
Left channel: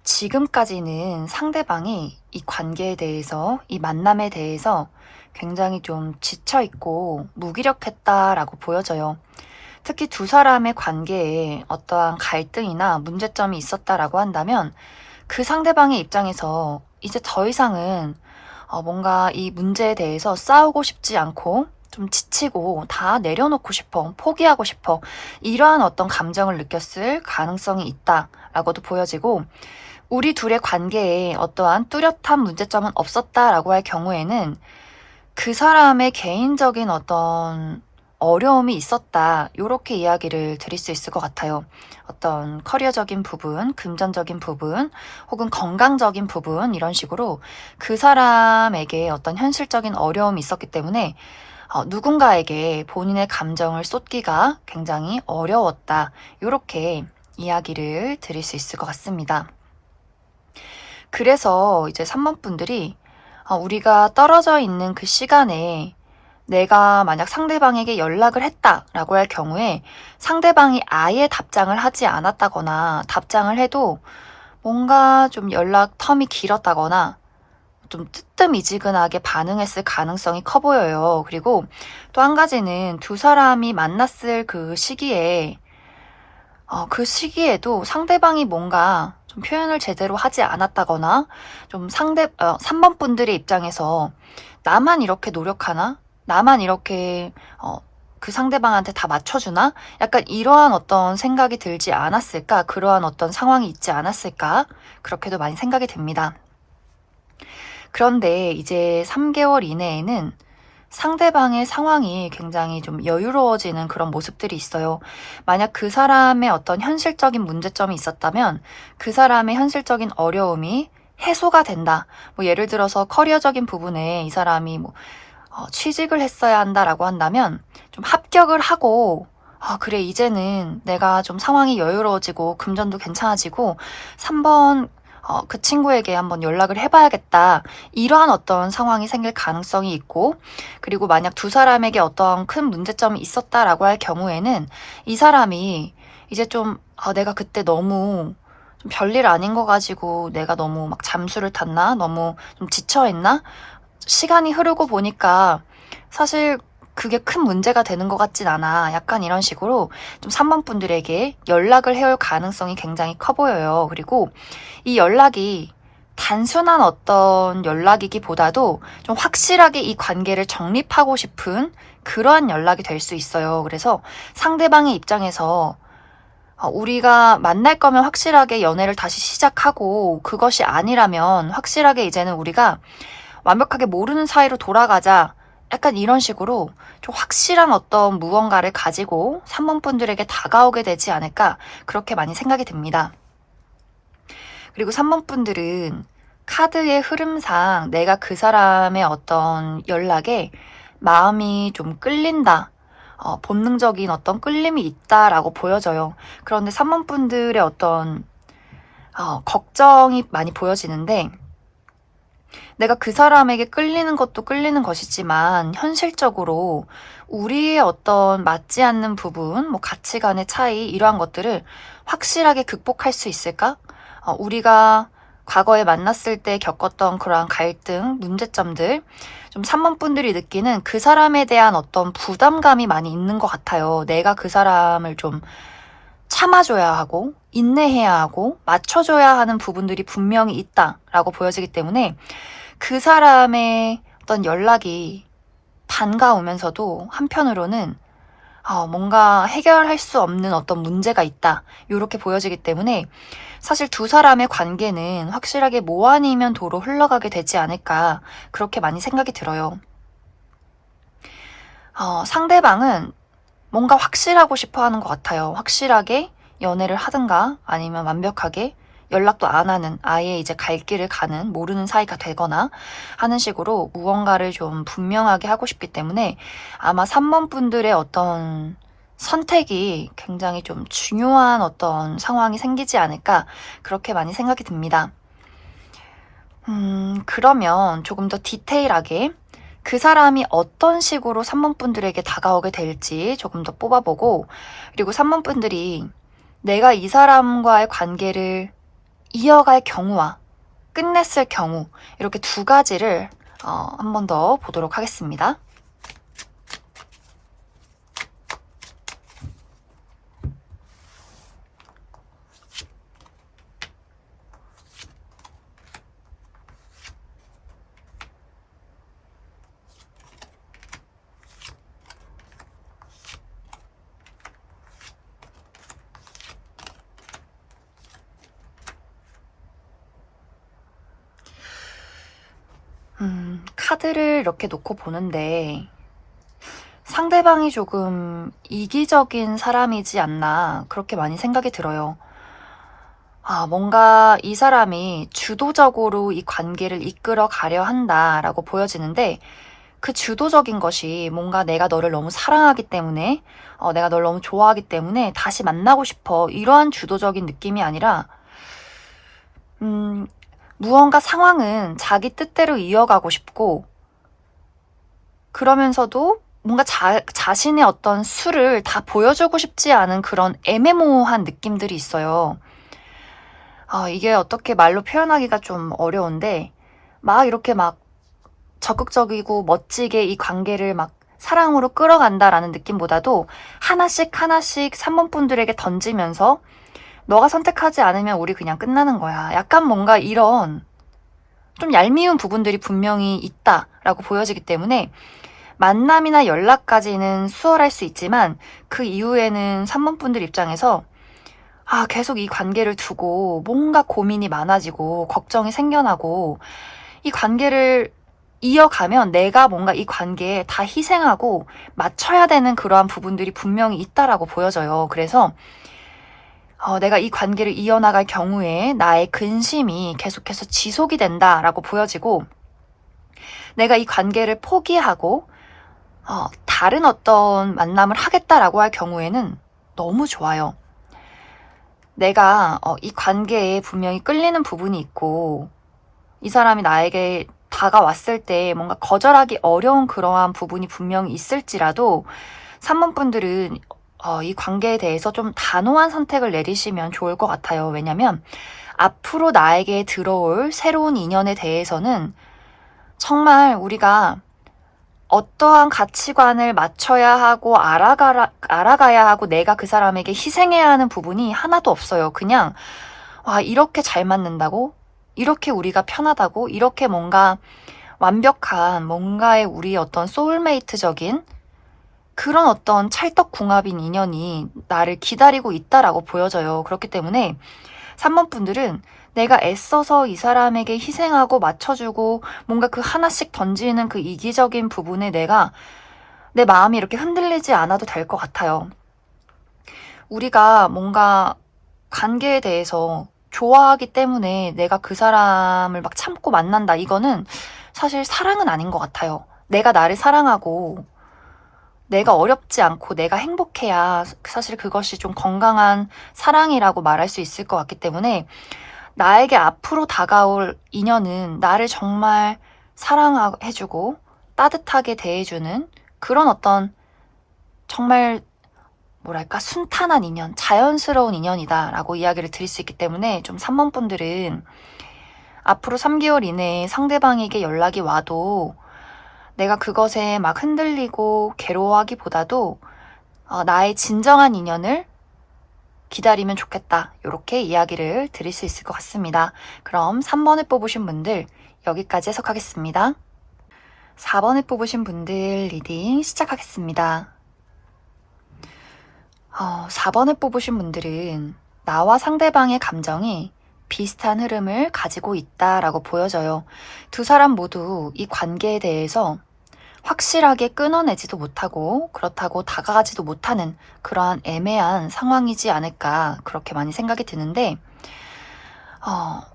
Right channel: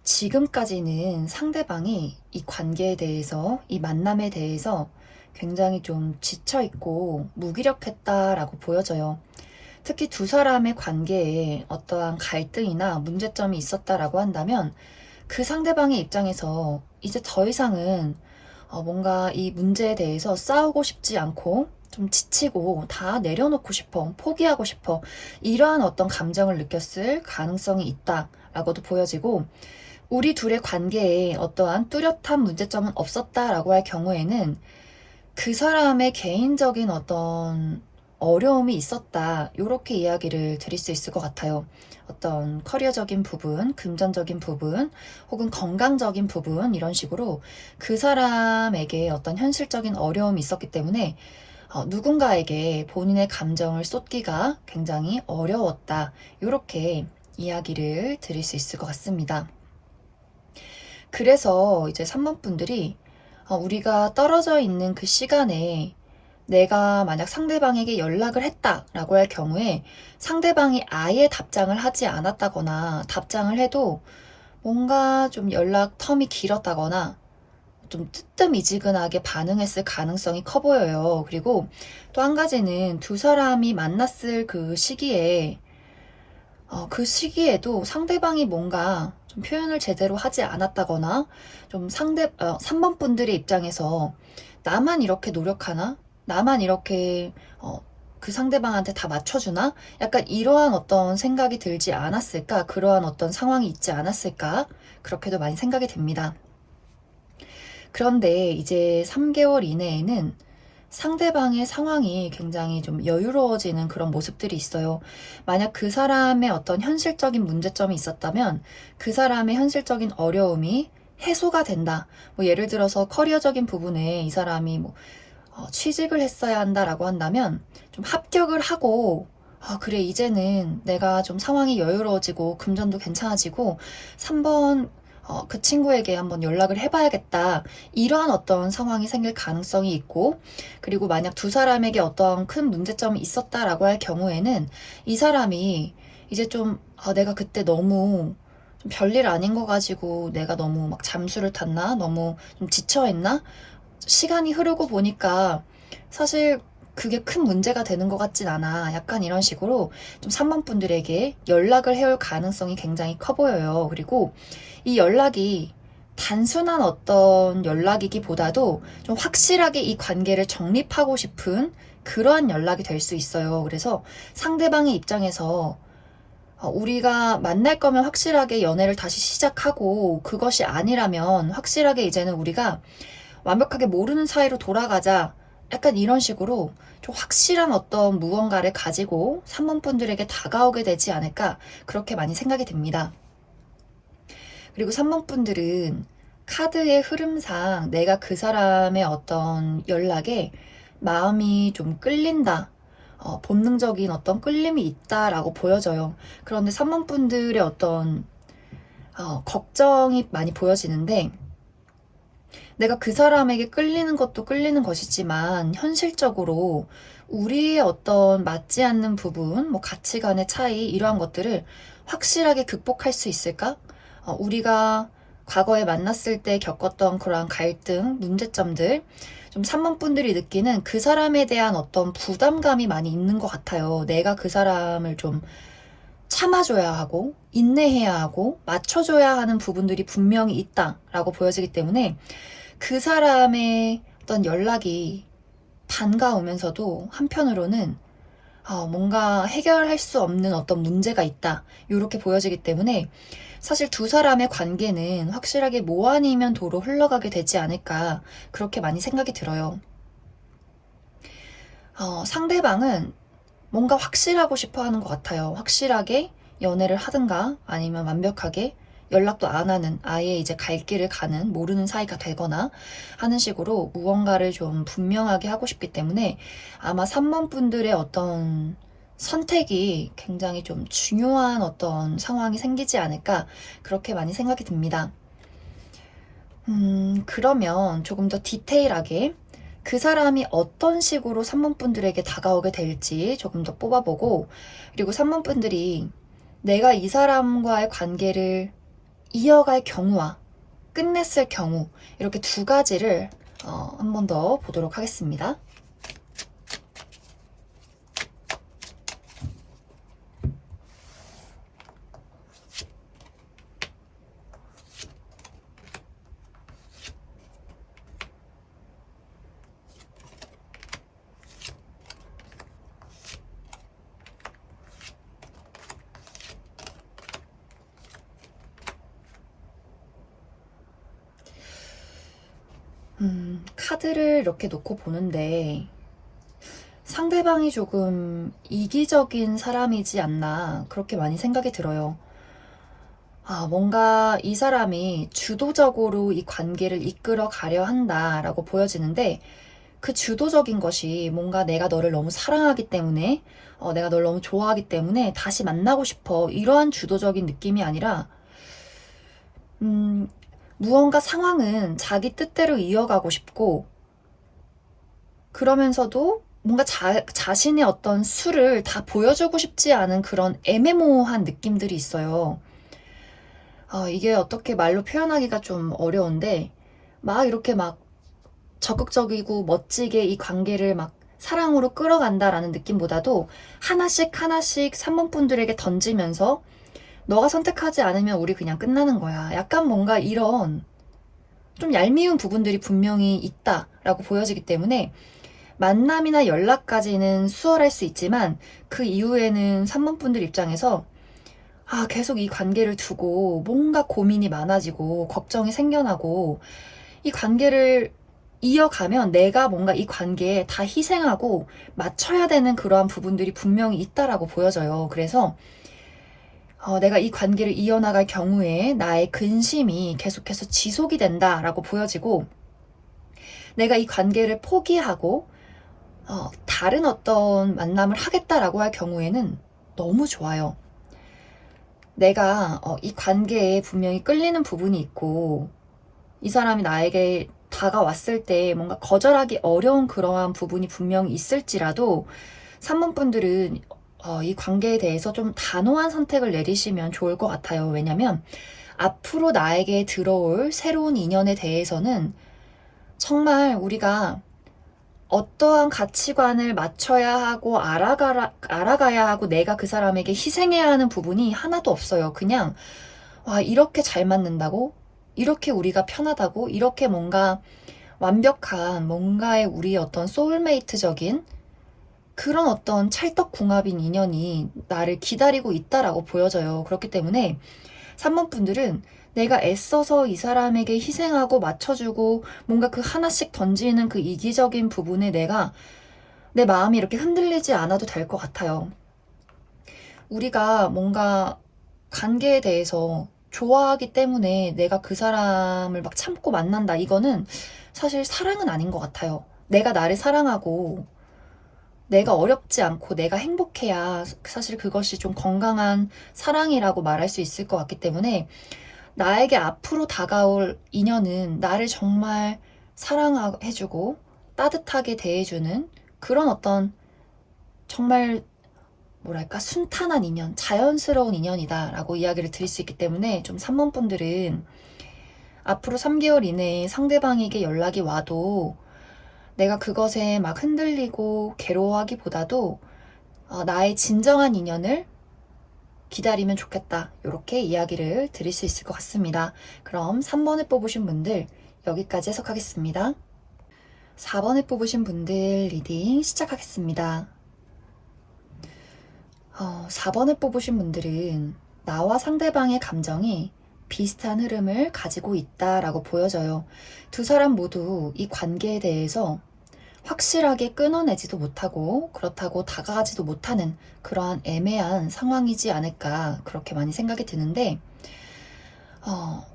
지금까지는 상대방이 이 관계에 대해서, 이 만남에 대해서 굉장히 좀 지쳐있고 무기력했다라고 보여져요. 특히 두 사람의 관계에 어떠한 갈등이나 문제점이 있었다라고 한다면 그 상대방의 입장에서 이제 더 이상은 뭔가 이 문제에 대해서 싸우고 싶지 않고 좀 지치고 다 내려놓고 싶어, 포기하고 싶어, 이러한 어떤 감정을 느꼈을 가능성이 있다라고도 보여지고, 우리 둘의 관계에 어떠한 뚜렷한 문제점은 없었다라고 할 경우에는 그 사람의 개인적인 어떤 어려움이 있었다, 이렇게 이야기를 드릴 수 있을 것 같아요. 어떤 커리어적인 부분, 금전적인 부분, 혹은 건강적인 부분, 이런 식으로 그 사람에게 어떤 현실적인 어려움이 있었기 때문에 누군가에게 본인의 감정을 쏟기가 굉장히 어려웠다, 이렇게 이야기를 드릴 수 있을 것 같습니다. 그래서 이제 3번 분들이 우리가 떨어져 있는 그 시간에 내가 만약 상대방에게 연락을 했다라고 할 경우에 상대방이 아예 답장을 하지 않았다거나, 답장을 해도 뭔가 좀 연락 텀이 길었다거나 좀 뜨뜻미지근하게 반응했을 가능성이 커 보여요. 그리고 또 한 가지는 두 사람이 만났을 그 시기에 그 시기에도 상대방이 뭔가 좀 표현을 제대로 하지 않았다거나, 좀 3번 분들의 입장에서 나만 이렇게 노력하나? 나만 이렇게 그 상대방한테 다 맞춰주나? 약간 이러한 어떤 생각이 들지 않았을까? 그러한 어떤 상황이 있지 않았을까? 그렇게도 많이 생각이 됩니다. 그런데 이제 3개월 이내에는 상대방의 상황이 굉장히 좀 여유로워지는 그런 모습들이 있어요. 만약 그 사람의 어떤 현실적인 문제점이 있었다면 그 사람의 현실적인 어려움이 해소가 된다. 뭐 예를 들어서 커리어적인 부분에 이 사람이 뭐 취직을 했어야 한다라고 한다면 좀 합격을 하고 그래 이제는 내가 좀 상황이 여유로워지고 금전도 괜찮아지고 3번 그 친구에게 한번 연락을 해봐야겠다. 이러한 어떤 상황이 생길 가능성이 있고, 그리고 만약 두 사람에게 어떤 큰 문제점이 있었다라고 할 경우에는 이 사람이 이제 좀 내가 그때 너무 좀 별일 아닌 거 가지고 내가 너무 막 잠수를 탔나? 너무 좀 지쳐있나? 시간이 흐르고 보니까 사실 그게 큰 문제가 되는 것 같진 않아. 약간 이런 식으로 좀 3번 분들에게 연락을 해올 가능성이 굉장히 커 보여요. 그리고 이 연락이 단순한 어떤 연락이기보다도 좀 확실하게 이 관계를 정립하고 싶은 그러한 연락이 될 수 있어요. 그래서 상대방의 입장에서 우리가 만날 거면 확실하게 연애를 다시 시작하고, 그것이 아니라면 확실하게 이제는 우리가 완벽하게 모르는 사이로 돌아가자. 약간 이런 식으로 좀 확실한 어떤 무언가를 가지고 3번 분들에게 다가오게 되지 않을까, 그렇게 많이 생각이 듭니다. 그리고 3번 분들은 카드의 흐름상 내가 그 사람의 어떤 연락에 마음이 좀 끌린다. 본능적인 어떤 끌림이 있다라고 보여져요. 그런데 3번 분들의 어떤 걱정이 많이 보여지는데, 내가 그 사람에게 끌리는 것도 끌리는 것이지만 현실적으로 우리의 어떤 맞지 않는 부분, 뭐 가치관의 차이, 이러한 것들을 확실하게 극복할 수 있을까? 우리가 과거에 만났을 때 겪었던 그러한 갈등, 문제점들, 좀 3번 분들이 느끼는 그 사람에 대한 어떤 부담감이 많이 있는 것 같아요. 내가 그 사람을 좀 참아줘야 하고, 인내해야 하고, 맞춰줘야 하는 부분들이 분명히 있다라고 보여지기 때문에 그 사람의 어떤 연락이 반가우면서도 한편으로는 뭔가 해결할 수 없는 어떤 문제가 있다, 이렇게 보여지기 때문에 사실 두 사람의 관계는 확실하게 뭐 아니면 도로 흘러가게 되지 않을까, 그렇게 많이 생각이 들어요. 상대방은 뭔가 확실하고 싶어 하는 것 같아요. 확실하게 연애를 하든가 아니면 완벽하게 연락도 안 하는, 아예 이제 갈 길을 가는 모르는 사이가 되거나 하는 식으로 무언가를 좀 분명하게 하고 싶기 때문에 아마 3번 분들의 어떤 선택이 굉장히 좀 중요한 어떤 상황이 생기지 않을까, 그렇게 많이 생각이 듭니다. 그러면 조금 더 디테일하게 그 사람이 어떤 식으로 3번 분들에게 다가오게 될지 조금 더 뽑아보고, 그리고 3번 분들이 내가 이 사람과의 관계를 이어갈 경우와 끝냈을 경우, 이렇게 두 가지를 한 번 더 보도록 하겠습니다. 카드를 이렇게 놓고 보는데 상대방이 조금 이기적인 사람이지 않나, 그렇게 많이 생각이 들어요. 뭔가 이 사람이 주도적으로 이 관계를 이끌어 가려 한다라고 보여지는데, 그 주도적인 것이 뭔가 내가 너를 너무 사랑하기 때문에, 내가 널 너무 좋아하기 때문에 다시 만나고 싶어, 이러한 주도적인 느낌이 아니라, 무언가 상황은 자기 뜻대로 이어가고 싶고, 그러면서도 뭔가 자신의 어떤 수를 다 보여주고 싶지 않은 그런 애매모호한 느낌들이 있어요. 이게 어떻게 말로 표현하기가 좀 어려운데, 막 이렇게 막 적극적이고 멋지게 이 관계를 막 사랑으로 끌어간다라는 느낌보다도 하나씩 하나씩 3번 분들에게 던지면서 너가 선택하지 않으면 우리 그냥 끝나는 거야. 약간 뭔가 이런 좀 얄미운 부분들이 분명히 있다라고 보여지기 때문에 만남이나 연락까지는 수월할 수 있지만 그 이후에는 3번 분들 입장에서 계속 이 관계를 두고 뭔가 고민이 많아지고 걱정이 생겨나고, 이 관계를 이어가면 내가 뭔가 이 관계에 다 희생하고 맞춰야 되는 그러한 부분들이 분명히 있다라고 보여져요. 그래서 내가 이 관계를 이어나갈 경우에 나의 근심이 계속해서 지속이 된다라고 보여지고, 내가 이 관계를 포기하고 다른 어떤 만남을 하겠다라고 할 경우에는 너무 좋아요. 내가 이 관계에 분명히 끌리는 부분이 있고, 이 사람이 나에게 다가왔을 때 뭔가 거절하기 어려운 그러한 부분이 분명히 있을지라도 3번 분들은 이 관계에 대해서 좀 단호한 선택을 내리시면 좋을 것 같아요. 왜냐면 앞으로 나에게 들어올 새로운 인연에 대해서는 정말 우리가 어떠한 가치관을 맞춰야 하고 알아가야 하고 내가 그 사람에게 희생해야 하는 부분이 하나도 없어요. 그냥 와, 이렇게 잘 맞는다고? 이렇게 우리가 편하다고? 이렇게 뭔가 완벽한 뭔가의 우리 어떤 소울메이트적인 그런 어떤 찰떡궁합인 인연이 나를 기다리고 있다라고 보여져요. 그렇기 때문에 3번 분들은 내가 애써서 이 사람에게 희생하고 맞춰주고 뭔가 그 하나씩 던지는 그 이기적인 부분에 내 마음이 이렇게 흔들리지 않아도 될 것 같아요. 우리가 뭔가 관계에 대해서 좋아하기 때문에 내가 그 사람을 막 참고 만난다. 이거는 사실 사랑은 아닌 것 같아요. 내가 나를 사랑하고 내가 어렵지 않고 내가 행복해야 사실 그것이 좀 건강한 사랑이라고 말할 수 있을 것 같기 때문에 나에게 앞으로 다가올 인연은 나를 정말 사랑해주고 따뜻하게 대해주는 그런 어떤 정말 뭐랄까 순탄한 인연, 자연스러운 인연이다라고 이야기를 드릴 수 있기 때문에 좀 3번 분들은 앞으로 3개월 이내에 상대방에게 연락이 와도 내가 그것에 막 흔들리고 괴로워하기보다도 나의 진정한 인연을 기다리면 좋겠다. 이렇게 이야기를 드릴 수 있을 것 같습니다. 그럼 3번을 뽑으신 분들 여기까지 해석하겠습니다. 4번을 뽑으신 분들 리딩 시작하겠습니다. 4번을 뽑으신 분들은 나와 상대방의 감정이 비슷한 흐름을 가지고 있다라고 보여져요. 두 사람 모두 이 관계에 대해서 확실하게 끊어내지도 못하고 그렇다고 다가가지도 못하는 그러한 애매한 상황이지 않을까 그렇게 많이 생각이 드는데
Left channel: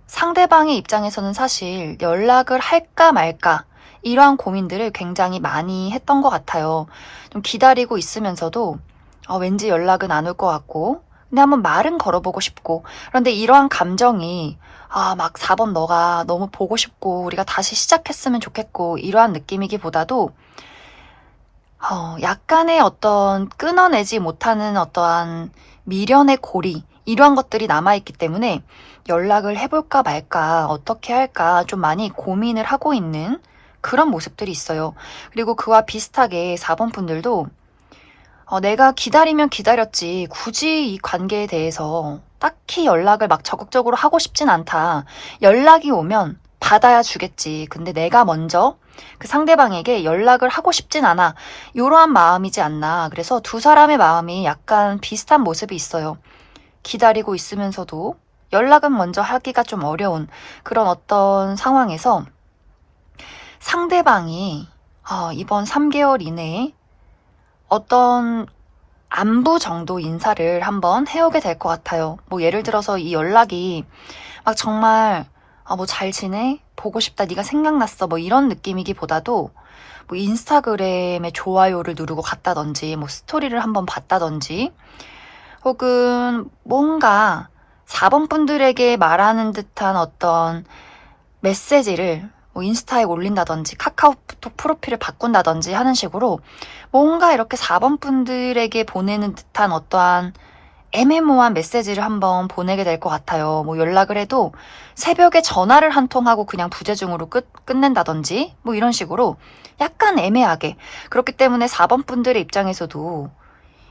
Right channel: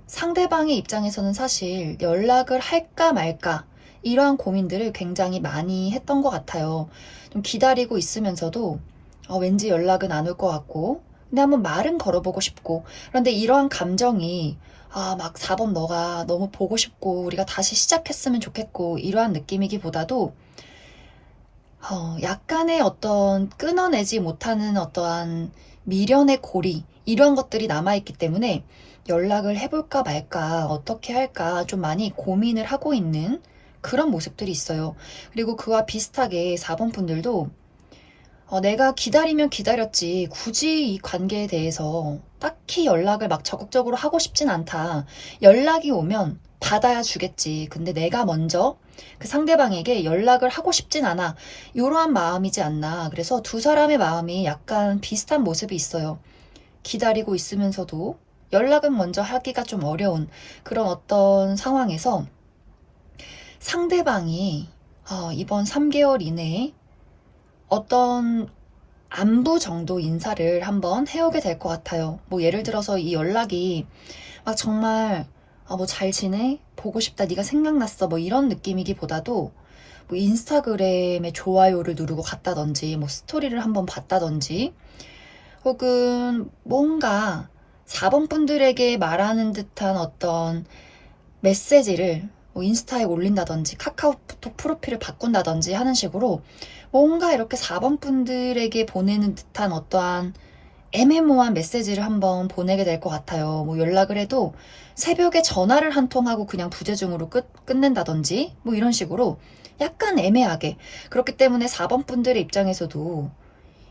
상대방의 입장에서는 사실 연락을 할까 말까 이러한 고민들을 굉장히 많이 했던 것 같아요. 좀 기다리고 있으면서도 왠지 연락은 안 올 것 같고 근데 한번 말은 걸어보고 싶고 그런데 이러한 감정이 막 4번 너가 너무 보고 싶고 우리가 다시 시작했으면 좋겠고 이러한 느낌이기보다도 약간의 어떤 끊어내지 못하는 어떠한 미련의 고리 이러한 것들이 남아있기 때문에 연락을 해볼까 말까 어떻게 할까 좀 많이 고민을 하고 있는 그런 모습들이 있어요. 그리고 그와 비슷하게 4번 분들도 내가 기다리면 기다렸지 굳이 이 관계에 대해서 딱히 연락을 막 적극적으로 하고 싶진 않다. 연락이 오면 받아야 주겠지. 근데 내가 먼저 그 상대방에게 연락을 하고 싶진 않아. 이러한 마음이지 않나. 그래서 두 사람의 마음이 약간 비슷한 모습이 있어요. 기다리고 있으면서도 연락은 먼저 하기가 좀 어려운 그런 어떤 상황에서 상대방이 이번 3개월 이내에 어떤 안부 정도 인사를 한번 해오게 될 것 같아요. 뭐 예를 들어서 이 연락이 막 정말 뭐 잘 지내? 보고 싶다. 네가 생각났어. 뭐 이런 느낌이기보다도 뭐 인스타그램에 좋아요를 누르고 갔다든지 뭐 스토리를 한번 봤다든지 혹은 뭔가 4번 분들에게 말하는 듯한 어떤 메시지를 뭐 인스타에 올린다든지 카카오톡 프로필을 바꾼다든지 하는 식으로 뭔가 이렇게 4번 분들에게 보내는 듯한 어떠한 애매모호한 메시지를 한번 보내게 될 것 같아요. 뭐 연락을 해도 새벽에 전화를 한 통하고 그냥 부재중으로 끝낸다든지 뭐 이런 식으로 약간 애매하게 그렇기 때문에 4번 분들의 입장에서도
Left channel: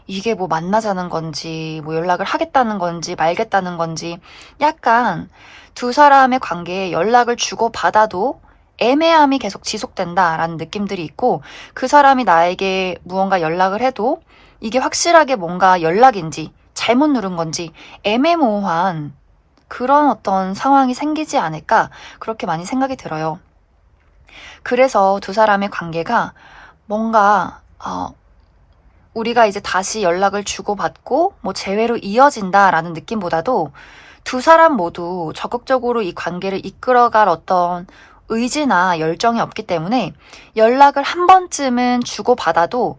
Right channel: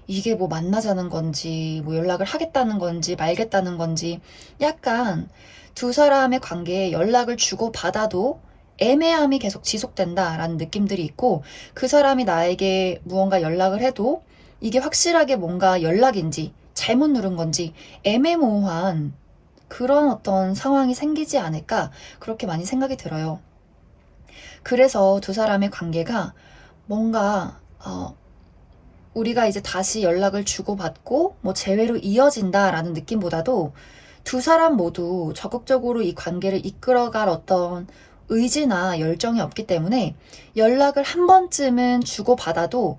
이게 뭐 만나자는 건지 뭐 연락을 하겠다는 건지 말겠다는 건지 약간 두 사람의 관계에 연락을 주고 받아도 애매함이 계속 지속된다라는 느낌들이 있고 그 사람이 나에게 무언가 연락을 해도 이게 확실하게 뭔가 연락인지 잘못 누른 건지 애매모호한 그런 어떤 상황이 생기지 않을까 그렇게 많이 생각이 들어요. 그래서 두 사람의 관계가 뭔가 우리가 이제 다시 연락을 주고받고 뭐 재회로 이어진다라는 느낌보다도 두 사람 모두 적극적으로 이 관계를 이끌어갈 어떤 의지나 열정이 없기 때문에 연락을 한 번쯤은 주고받아도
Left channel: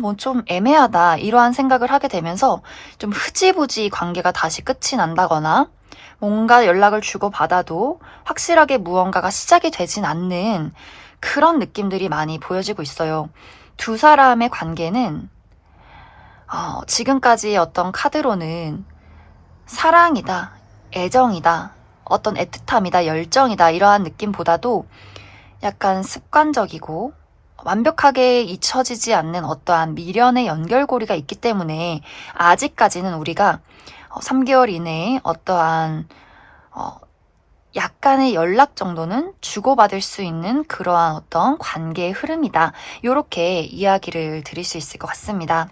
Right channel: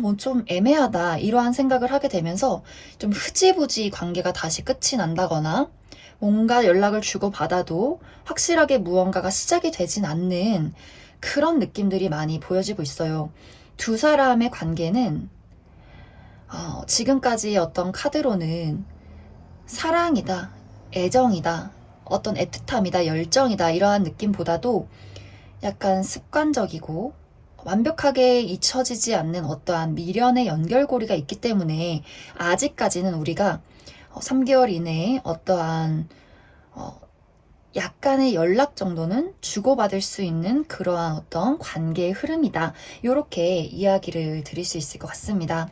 뭐 좀 애매하다 이러한 생각을 하게 되면서 좀 흐지부지 관계가 다시 끝이 난다거나 뭔가 연락을 주고받아도 확실하게 무언가가 시작이 되진 않는 그런 느낌들이 많이 보여지고 있어요. 두 사람의 관계는 지금까지의 어떤 카드로는 사랑이다, 애정이다, 어떤 애틋함이다, 열정이다 이러한 느낌보다도 약간 습관적이고 완벽하게 잊혀지지 않는 어떠한 미련의 연결고리가 있기 때문에 아직까지는 우리가 3개월 이내에 어떠한 약간의 연락 정도는 주고받을 수 있는 그러한 어떤 관계의 흐름이다. 이렇게 이야기를 드릴 수 있을 것 같습니다.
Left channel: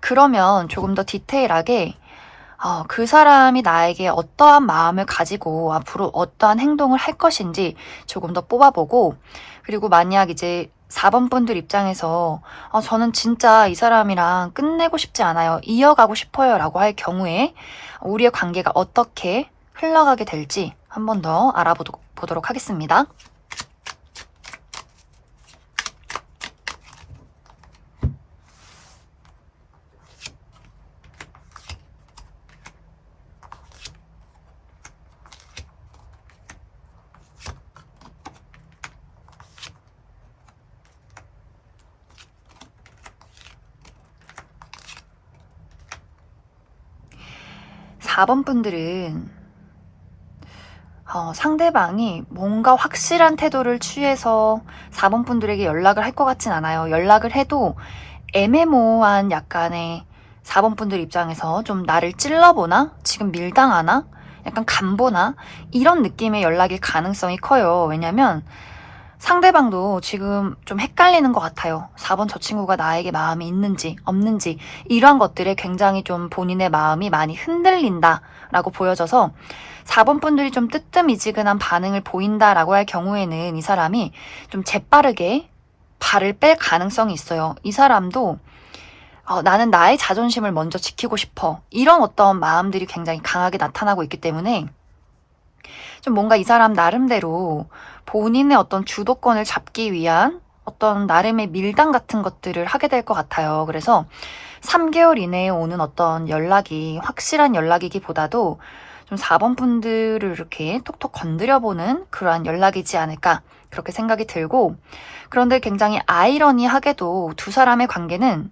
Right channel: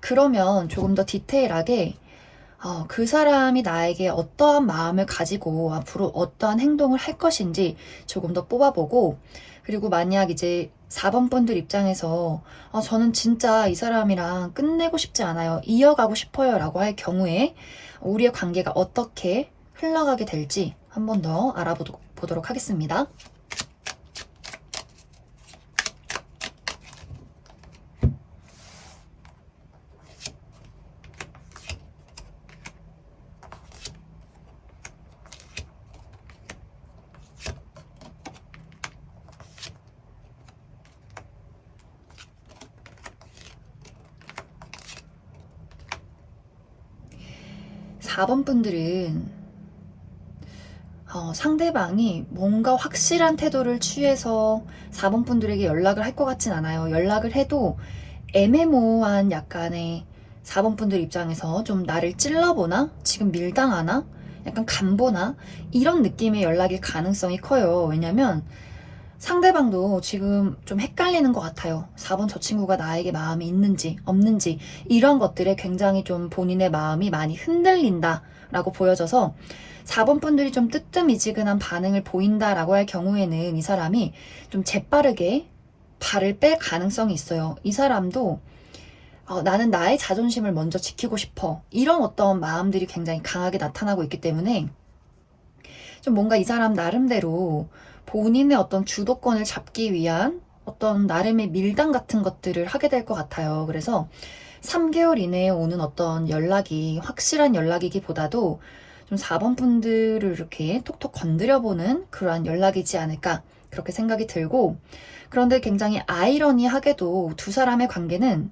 그러면 조금 더 디테일하게 그 사람이 나에게 어떠한 마음을 가지고 앞으로 어떠한 행동을 할 것인지 조금 더 뽑아보고, 그리고 만약 이제 4번 분들 입장에서 저는 진짜 이 사람이랑 끝내고 싶지 않아요, 이어가고 싶어요 라고 할 경우에 우리의 관계가 어떻게 흘러가게 될지 한 번 더 알아보도록 하겠습니다. 4번 분들은 상대방이 뭔가 확실한 태도를 취해서 4번 분들에게 연락을 할 것 같진 않아요. 연락을 해도 애매모호한 약간의 4번 분들 입장에서 좀 나를 찔러보나? 지금 밀당하나? 약간 간보나? 이런 느낌의 연락일 가능성이 커요. 왜냐면 상대방도 지금 좀 헷갈리는 것 같아요. 4번 저 친구가 나에게 마음이 있는지 없는지 이러한 것들에 굉장히 좀 본인의 마음이 많이 흔들린다라고 보여져서 4번 분들이 좀 뜨뜻미지근한 반응을 보인다라고 할 경우에는 이 사람이 좀 재빠르게 발을 뺄 가능성이 있어요. 이 사람도 나는 나의 자존심을 먼저 지키고 싶어, 이런 어떤 마음들이 굉장히 강하게 나타나고 있기 때문에 좀 뭔가 이 사람 나름대로 본인의 어떤 주도권을 잡기 위한 어떤 나름의 밀당 같은 것들을 하게 될 것 같아요. 그래서 3개월 이내에 오는 어떤 연락이 확실한 연락이기보다도 좀 4번 분들을 이렇게 톡톡 건드려보는 그러한 연락이지 않을까 그렇게 생각이 들고, 그런데 굉장히 아이러니하게도 두 사람의 관계는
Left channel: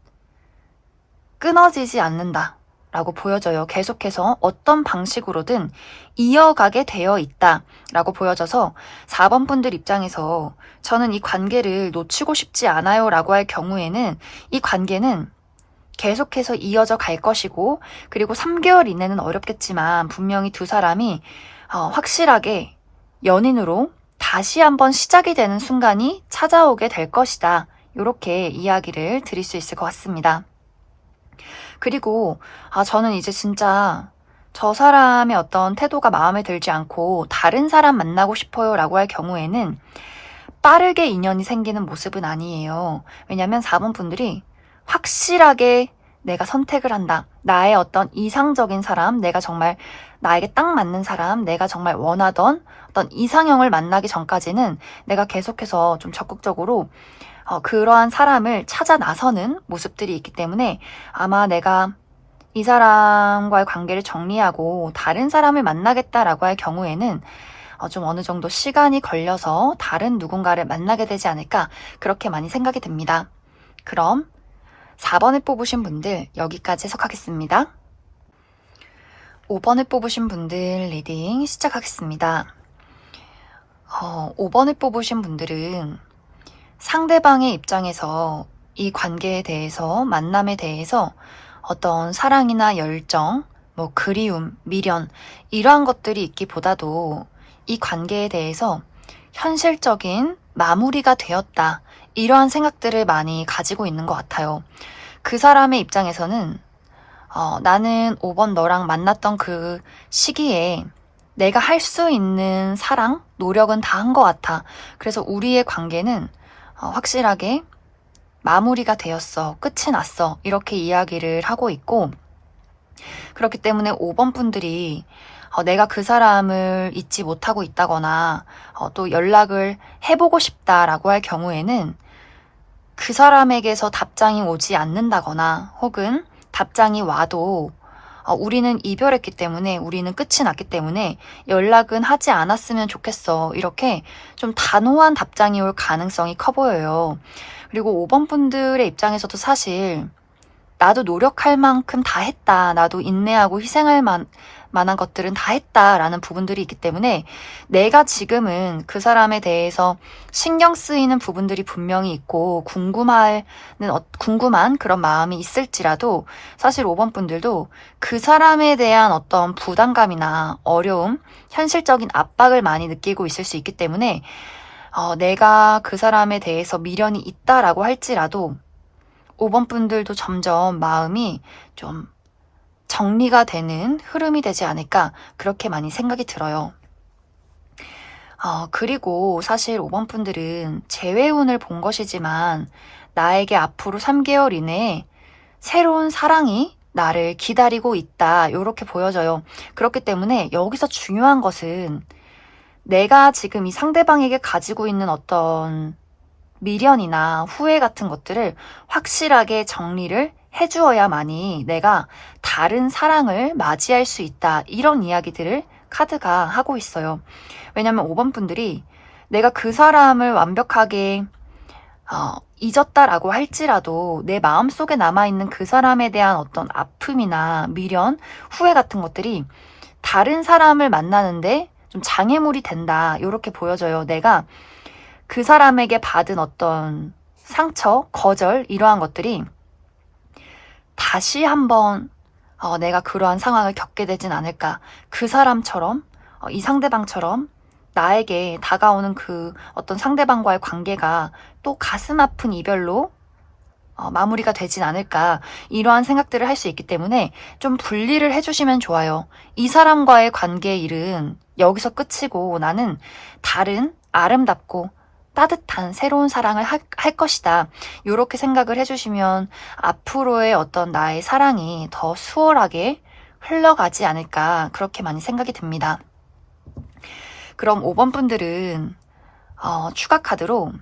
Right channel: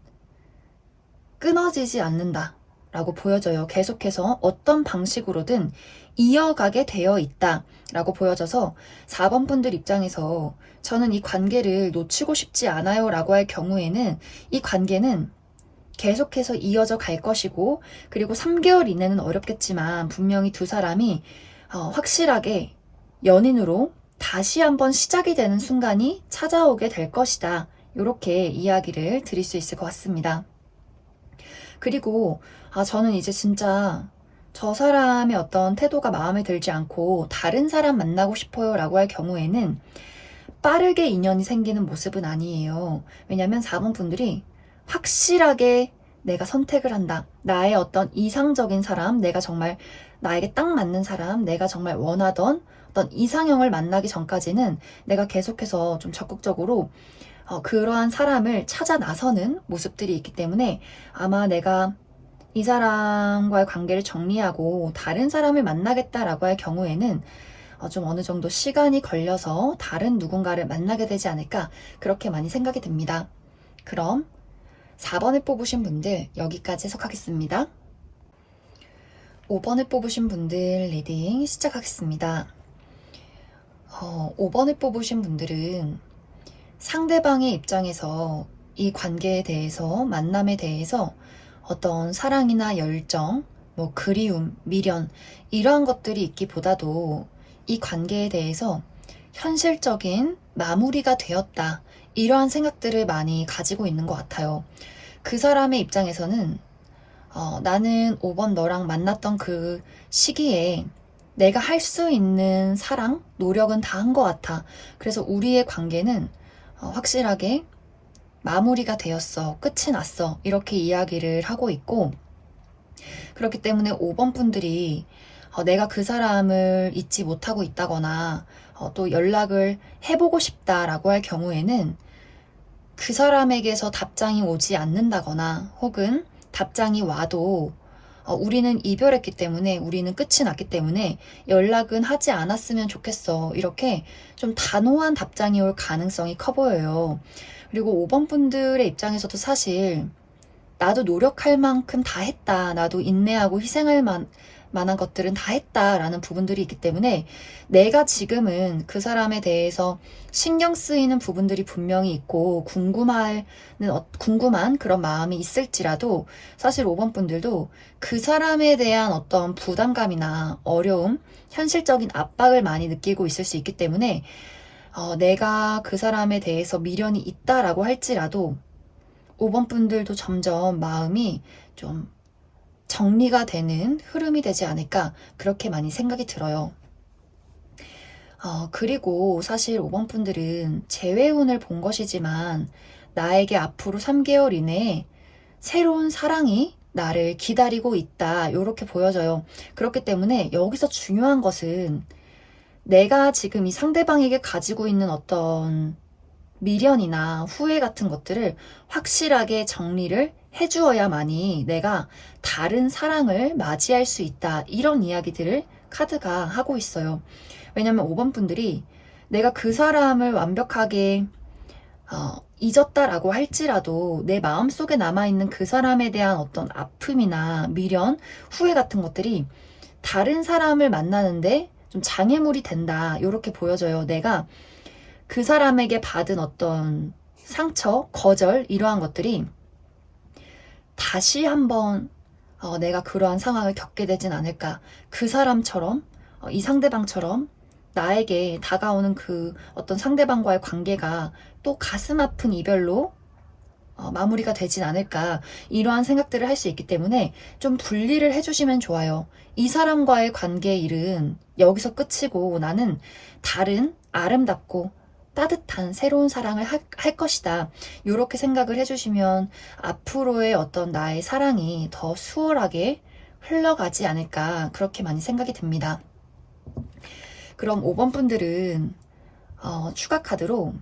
끊어지지 않는다 라고 보여져요. 계속해서 어떤 방식으로든 이어가게 되어 있다 라고 보여져서 4번 분들 입장에서 저는 이 관계를 놓치고 싶지 않아요 라고 할 경우에는 이 관계는 계속해서 이어져 갈 것이고, 그리고 3개월 이내는 어렵겠지만 분명히 두 사람이 확실하게 연인으로 다시 한번 시작이 되는 순간이 찾아오게 될 것이다. 이렇게 이야기를 드릴 수 있을 것 같습니다. 그리고 저는 이제 진짜 저 사람의 어떤 태도가 마음에 들지 않고 다른 사람 만나고 싶어요 라고 할 경우에는 빠르게 인연이 생기는 모습은 아니에요. 왜냐면 4번 분들이 확실하게 내가 선택을 한다, 나의 어떤 이상적인 사람, 내가 정말 나에게 딱 맞는 사람, 내가 정말 원하던 어떤 이상형을 만나기 전까지는 내가 계속해서 좀 적극적으로 그러한 사람을 찾아 나서는 모습들이 있기 때문에 아마 내가 이 사람과의 관계를 정리하고 다른 사람을 만나겠다라고 할 경우에는 좀 어느 정도 시간이 걸려서 다른 누군가를 만나게 되지 않을까 그렇게 많이 생각이 듭니다. 그럼 4번을 뽑으신 분들 여기까지 해석하겠습니다. 5번을 뽑으신 분들 리딩 시작하겠습니다. 5번을 뽑으신 분들은 상대방의 입장에서 이 관계에 대해서, 만남에 대해서 어떤 사랑이나 열정, 뭐 그리움, 미련 이러한 것들이 있기보다도 이 관계에 대해서 현실적인 마무리가 되었다, 이러한 생각들을 많이 가지고 있는 것 같아요. 그 사람의 입장에서는 나는 5번 너랑 만났던 그 시기에 내가 할 수 있는 사랑, 노력은 다 한 것 같아. 그래서 우리의 관계는 확실하게 마무리가 되었어. 끝이 났어. 이렇게 이야기를 하고 있고, 그렇기 때문에 5번 분들이 내가 그 사람을 잊지 못하고 있다거나 또 연락을 해보고 싶다라고 할 경우에는 그 사람에게서 답장이 오지 않는다거나 혹은 답장이 와도 우리는 이별했기 때문에, 우리는 끝이 났기 때문에 연락은 하지 않았으면 좋겠어. 이렇게 좀 단호한 답장이 올 가능성이 커 보여요. 그리고 5번 분들의 입장에서도 사실 나도 노력할 만큼 다 했다. 나도 인내하고 희생할 만한 것들은 다 했다라는 부분들이 있기 때문에 내가 지금은 그 사람에 대해서 신경 쓰이는 부분들이 분명히 있고 궁금한 그런 마음이 있을지라도 사실 5번 분들도 그 사람에 대한 어떤 부담감이나 어려움, 현실적인 압박을 많이 느끼고 있을 수 있기 때문에 내가 그 사람에 대해서 미련이 있다라고 할지라도 5번 분들도 점점 마음이 좀 정리가 되는 흐름이 되지 않을까 그렇게 많이 생각이 들어요. 그리고 사실 5번 분들은 재회운을 본 것이지만 나에게 앞으로 3개월 이내에 새로운 사랑이 나를 기다리고 있다 이렇게 보여져요. 그렇기 때문에 여기서 중요한 것은 내가 지금 이 상대방에게 가지고 있는 어떤 미련이나 후회 같은 것들을 확실하게 정리를 해주어야만이 내가 다른 사랑을 맞이할 수 있다. 이런 이야기들을 카드가 하고 있어요. 왜냐면 5번 분들이 내가 그 사람을 완벽하게 잊었다라고 할지라도 내 마음속에 남아있는 그 사람에 대한 어떤 아픔이나 미련, 후회 같은 것들이 다른 사람을 만나는데 좀 장애물이 된다. 이렇게 보여져요. 내가 그 사람에게 받은 어떤 상처, 거절 이러한 것들이 다시 한번 내가 그러한 상황을 겪게 되진 않을까. 그 사람처럼 이 상대방처럼 나에게 다가오는 그 어떤 상대방과의 관계가 또 가슴 아픈 이별로 마무리가 되진 않을까. 이러한 생각들을 할 수 있기 때문에 좀 분리를 해주시면 좋아요. 이 사람과의 관계의 일은 여기서 끝이고 나는 다른 아름답고 따뜻한 새로운 사랑을 할 것이다. 이렇게 생각을 해주시면 앞으로의 어떤 나의 사랑이 더 수월하게 흘러가지 않을까 그렇게 많이 생각이 듭니다. 그럼 5번 분들은 추가 카드로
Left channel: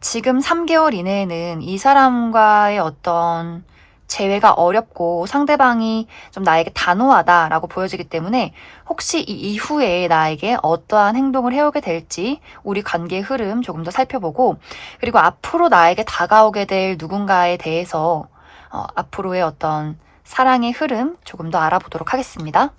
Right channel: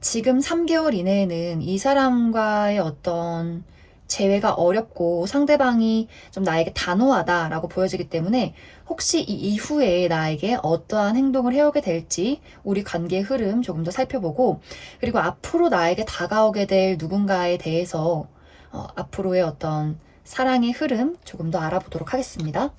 지금 3개월 이내에는 이 사람과의 어떤 재회가 어렵고 상대방이 좀 나에게 단호하다라고 보여지기 때문에 혹시 이 이후에 나에게 어떠한 행동을 해오게 될지 우리 관계의 흐름 조금 더 살펴보고, 그리고 앞으로 나에게 다가오게 될 누군가에 대해서 앞으로의 어떤 사랑의 흐름 조금 더 알아보도록 하겠습니다.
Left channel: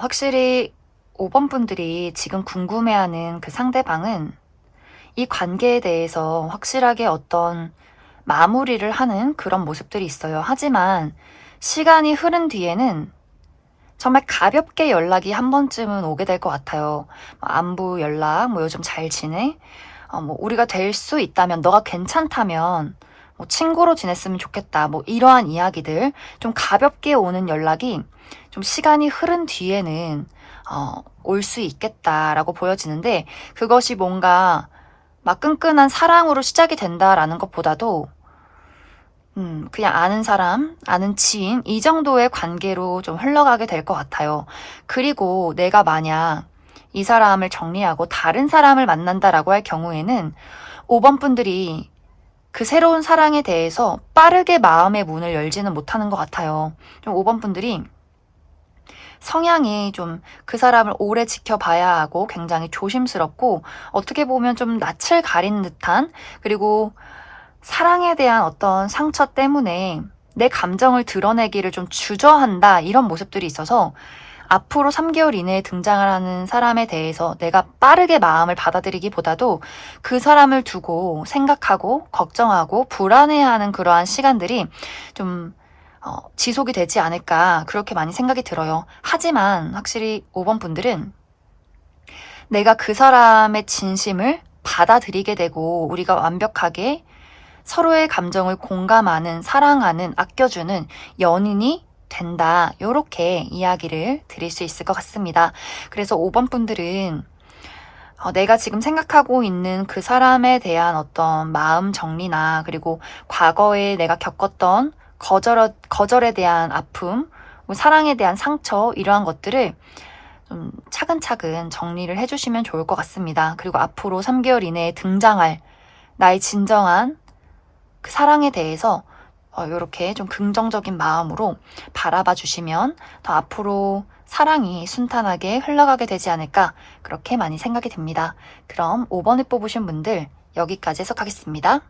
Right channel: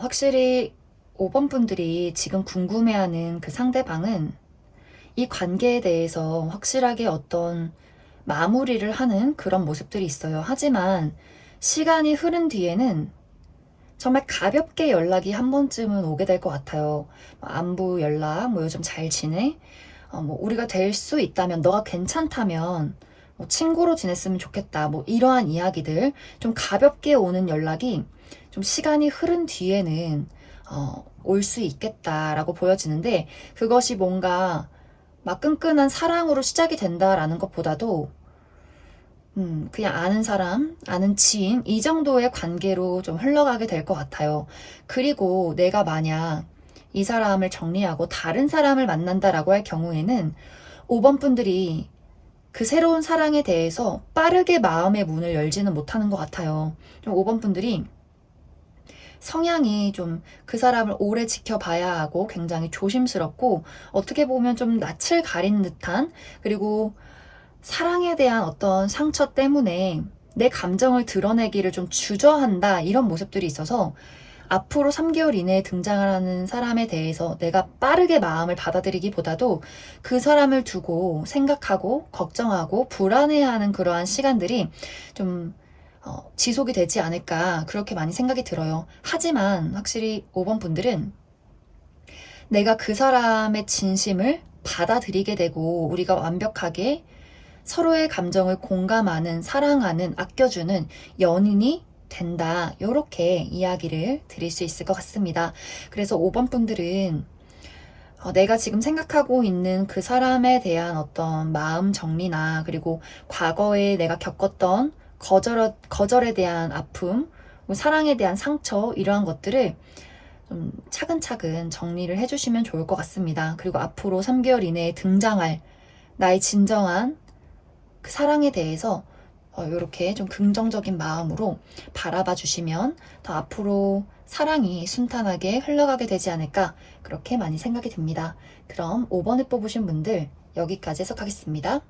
확실히 5번 분들이 지금 궁금해하는 그 상대방은 이 관계에 대해서 확실하게 어떤 마무리를 하는 그런 모습들이 있어요. 하지만 시간이 흐른 뒤에는 정말 가볍게 연락이 한 번쯤은 오게 될 것 같아요. 안부 연락, 요즘 잘 지내? 우리가 될 수 있다면, 너가 괜찮다면, 친구로 지냈으면 좋겠다. 이러한 이야기들, 좀 가볍게 오는 연락이 좀 시간이 흐른 뒤에는 올 수 있겠다라고 보여지는데, 그것이 뭔가 막 끈끈한 사랑으로 시작이 된다라는 것보다도 그냥 아는 사람, 아는 지인 이 정도의 관계로 좀 흘러가게 될 것 같아요. 그리고 내가 만약 이 사람을 정리하고 다른 사람을 만난다라고 할 경우에는 5번 분들이 그 새로운 사랑에 대해서 빠르게 마음의 문을 열지는 못하는 것 같아요. 좀 5번 분들이 성향이 좀 그 사람을 오래 지켜봐야 하고 굉장히 조심스럽고 어떻게 보면 좀 낯을 가리는 듯한, 그리고 사랑에 대한 어떤 상처 때문에 내 감정을 드러내기를 좀 주저한다, 이런 모습들이 있어서 앞으로 3개월 이내에 등장을 하는 사람에 대해서 내가 빠르게 마음을 받아들이기보다도 그 사람을 두고 생각하고 걱정하고 불안해하는 그러한 시간들이 좀 지속이 되지 않을까 그렇게 많이 생각이 들어요. 하지만 확실히 5번 분들은 내가 그 사람의 진심을 받아들이게 되고 우리가 완벽하게 서로의 감정을 공감하는, 사랑하는, 아껴주는 연인이 된다. 요렇게 이야기를 드릴 수 있을 것 같습니다. 그래서 5번 분들은 내가 지금 생각하고 있는 그 사람에 대한 어떤 마음 정리나 그리고 과거에 내가 겪었던 거절에 대한 아픔, 뭐 사랑에 대한 상처 이러한 것들을 좀 차근차근 정리를 해주시면 좋을 것 같습니다. 그리고 앞으로 3개월 이내에 등장할 나의 진정한 그 사랑에 대해서 이렇게 좀 긍정적인 마음으로 바라봐 주시면 더 앞으로 사랑이 순탄하게 흘러가게 되지 않을까 그렇게 많이 생각이 듭니다. 그럼 5번을 뽑으신 분들 여기까지 해석하겠습니다.